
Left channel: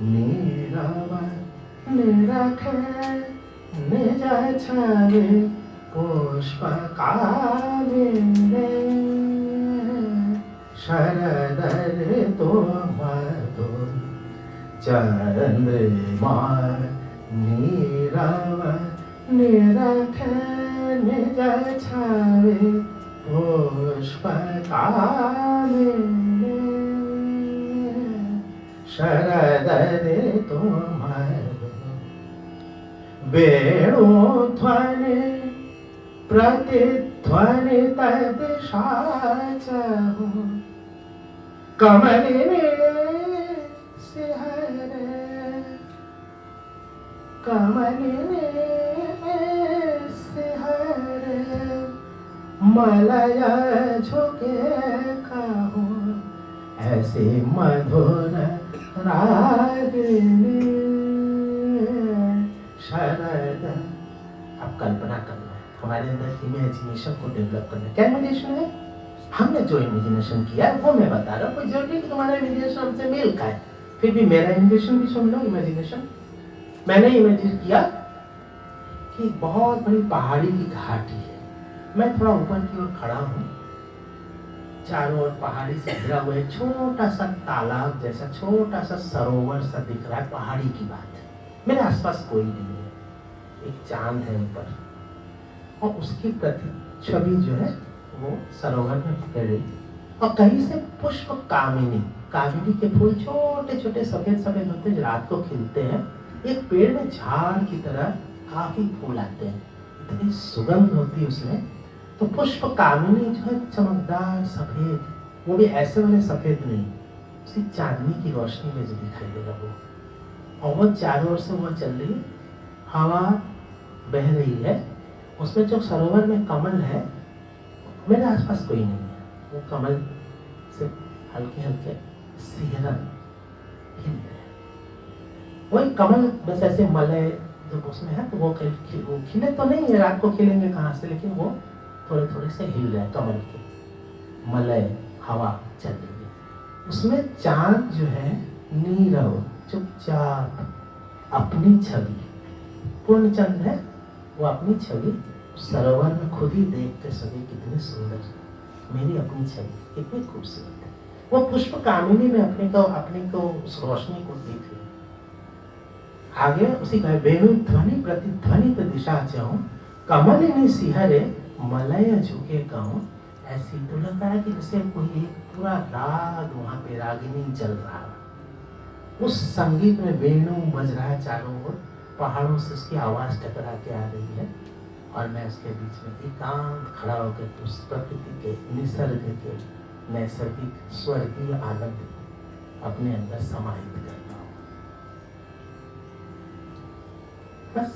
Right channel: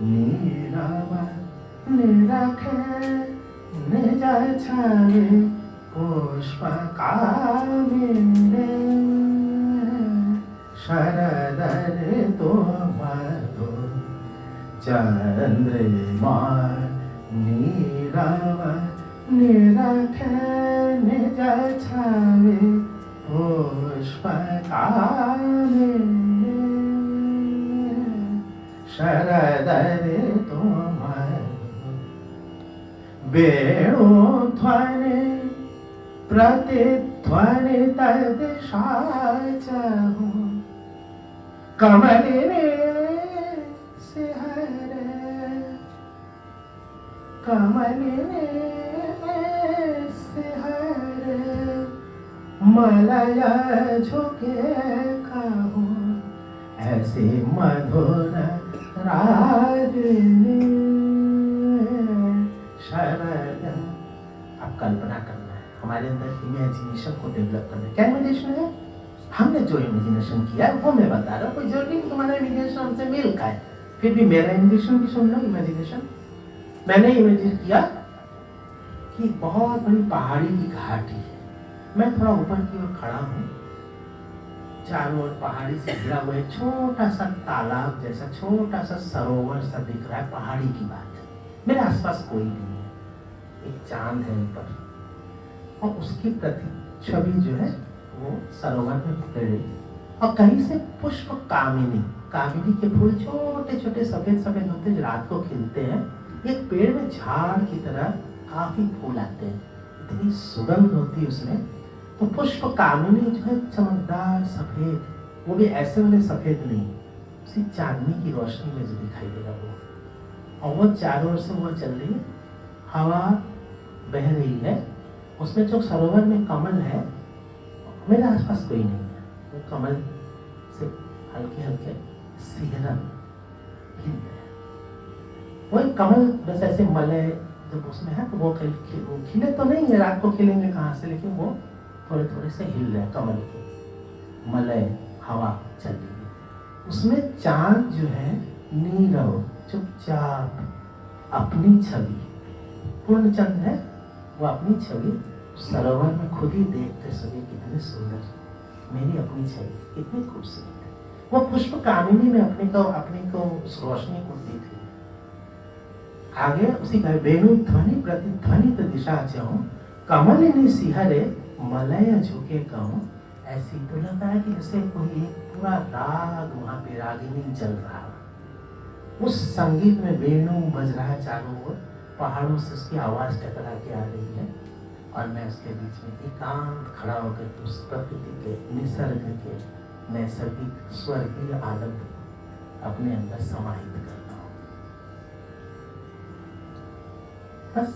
नीरव निरखे निज छवि पुष्प कामिने शरद ऋतु मधुर चंद्रमा नीरव निरखे निज छवि पुष्प कामिने शरद ऋतु मधुर वेणुध्वनि प्रतिध्वनि तद्शाचहु कमलिनी सिहरे कमलिनी सिहरे मलय झुके कहूँ ऐसे मधुर रागिनी शरद। आप कल्पना करना है, हमारे अंदर इमेजिनेशन को डेवलप करना है। क्या इमेजिनेशन है? हमने जो इमेजिनेशन किया है वो मैं बता रहा हूँ। कोई जरूरी नहीं तुम्हारा इमेजिनेशन हमसे मेल का है, फिर भी मेरा इमेजिनेशन भी सुन लो। इमेजिनेशन मैंने इमेजिन किया कि एक बहुत बड़ी पहाड़ी की घाटी है, मैं थोड़ा ऊपर की ओर खड़ा हूँ, चारों ओर पहाड़ी से घिरा हुआ एक छोटा सा तालाब जैसा छोटा सा सरोवर सा दिख रहा है। पहाड़ी की बात है, मेरे आसपास कोई नहीं है, एक चांद है ऊपर और उसकी प्रतिच्छवि जो है वो सरोवर में बिखर रही और कहीं से पुष्प कामिनी, कामिनी के फूल छोटे छोटे सफेद सफेद होते जो रात को खिलते हैं, एक पेड़ में झाड़ की तरह काफी फूल आते हैं, इतनी सुगंध होती है उसमें। तो पुष्प कामिनी जो है चमकदार सफेद, वो भी ऐसे वाले सफेद नहीं, उसी चांदनी की रोशनी में जो दिखाई देगा वो, और वो चारों ओर से वो चल रही है, हवा बह रही है, उसमें जो सरोवर में कमल है, मेरे आसपास कोई नहीं है, वो कमल से हल्के हल्के सिहरन हिल रहे हैं। वही कमल बस ऐसे मलय जब उसमें है तो वो खिले तो नहीं है, रात को खिलेंगे कहाँ से, लेकिन वो थोड़े थोड़े से हिल रहे हैं कमल के, मलय हवा चल रही है। उसमें चांद जो है नीरव चुपचाप अपनी छवि, पूर्ण चंद्र है, वो अपनी छवि सरोवर में खुद ही देखते सोचे कितनी सुंदर, मेरी अपनी छवि कितनी खूबसूरत है। वो पुष्प कामिनी में अपने को उस रोशनी को देख रही। आगे उसी का वेणु ध्वनि प्रतिध्वनि तो दिशा चाहूं कमलिनी सिहरे मलय झुके कहूं। ऐसी तो लग रहा है कि जैसे कोई एक पूरा राग वहां पे रागिनी चल रहा है, उस संगीत में वेणु बज रहा है चारों ओर, पहाड़ों से उसकी आवाज टकरा के आ रही है और मैं उसके बीच में एकांत खड़ा होकर उस प्रकृति के निसर्ग के नैसर्गिक स्वर्गीय आनंद अपने अंदर समाहित करता हूँ। बस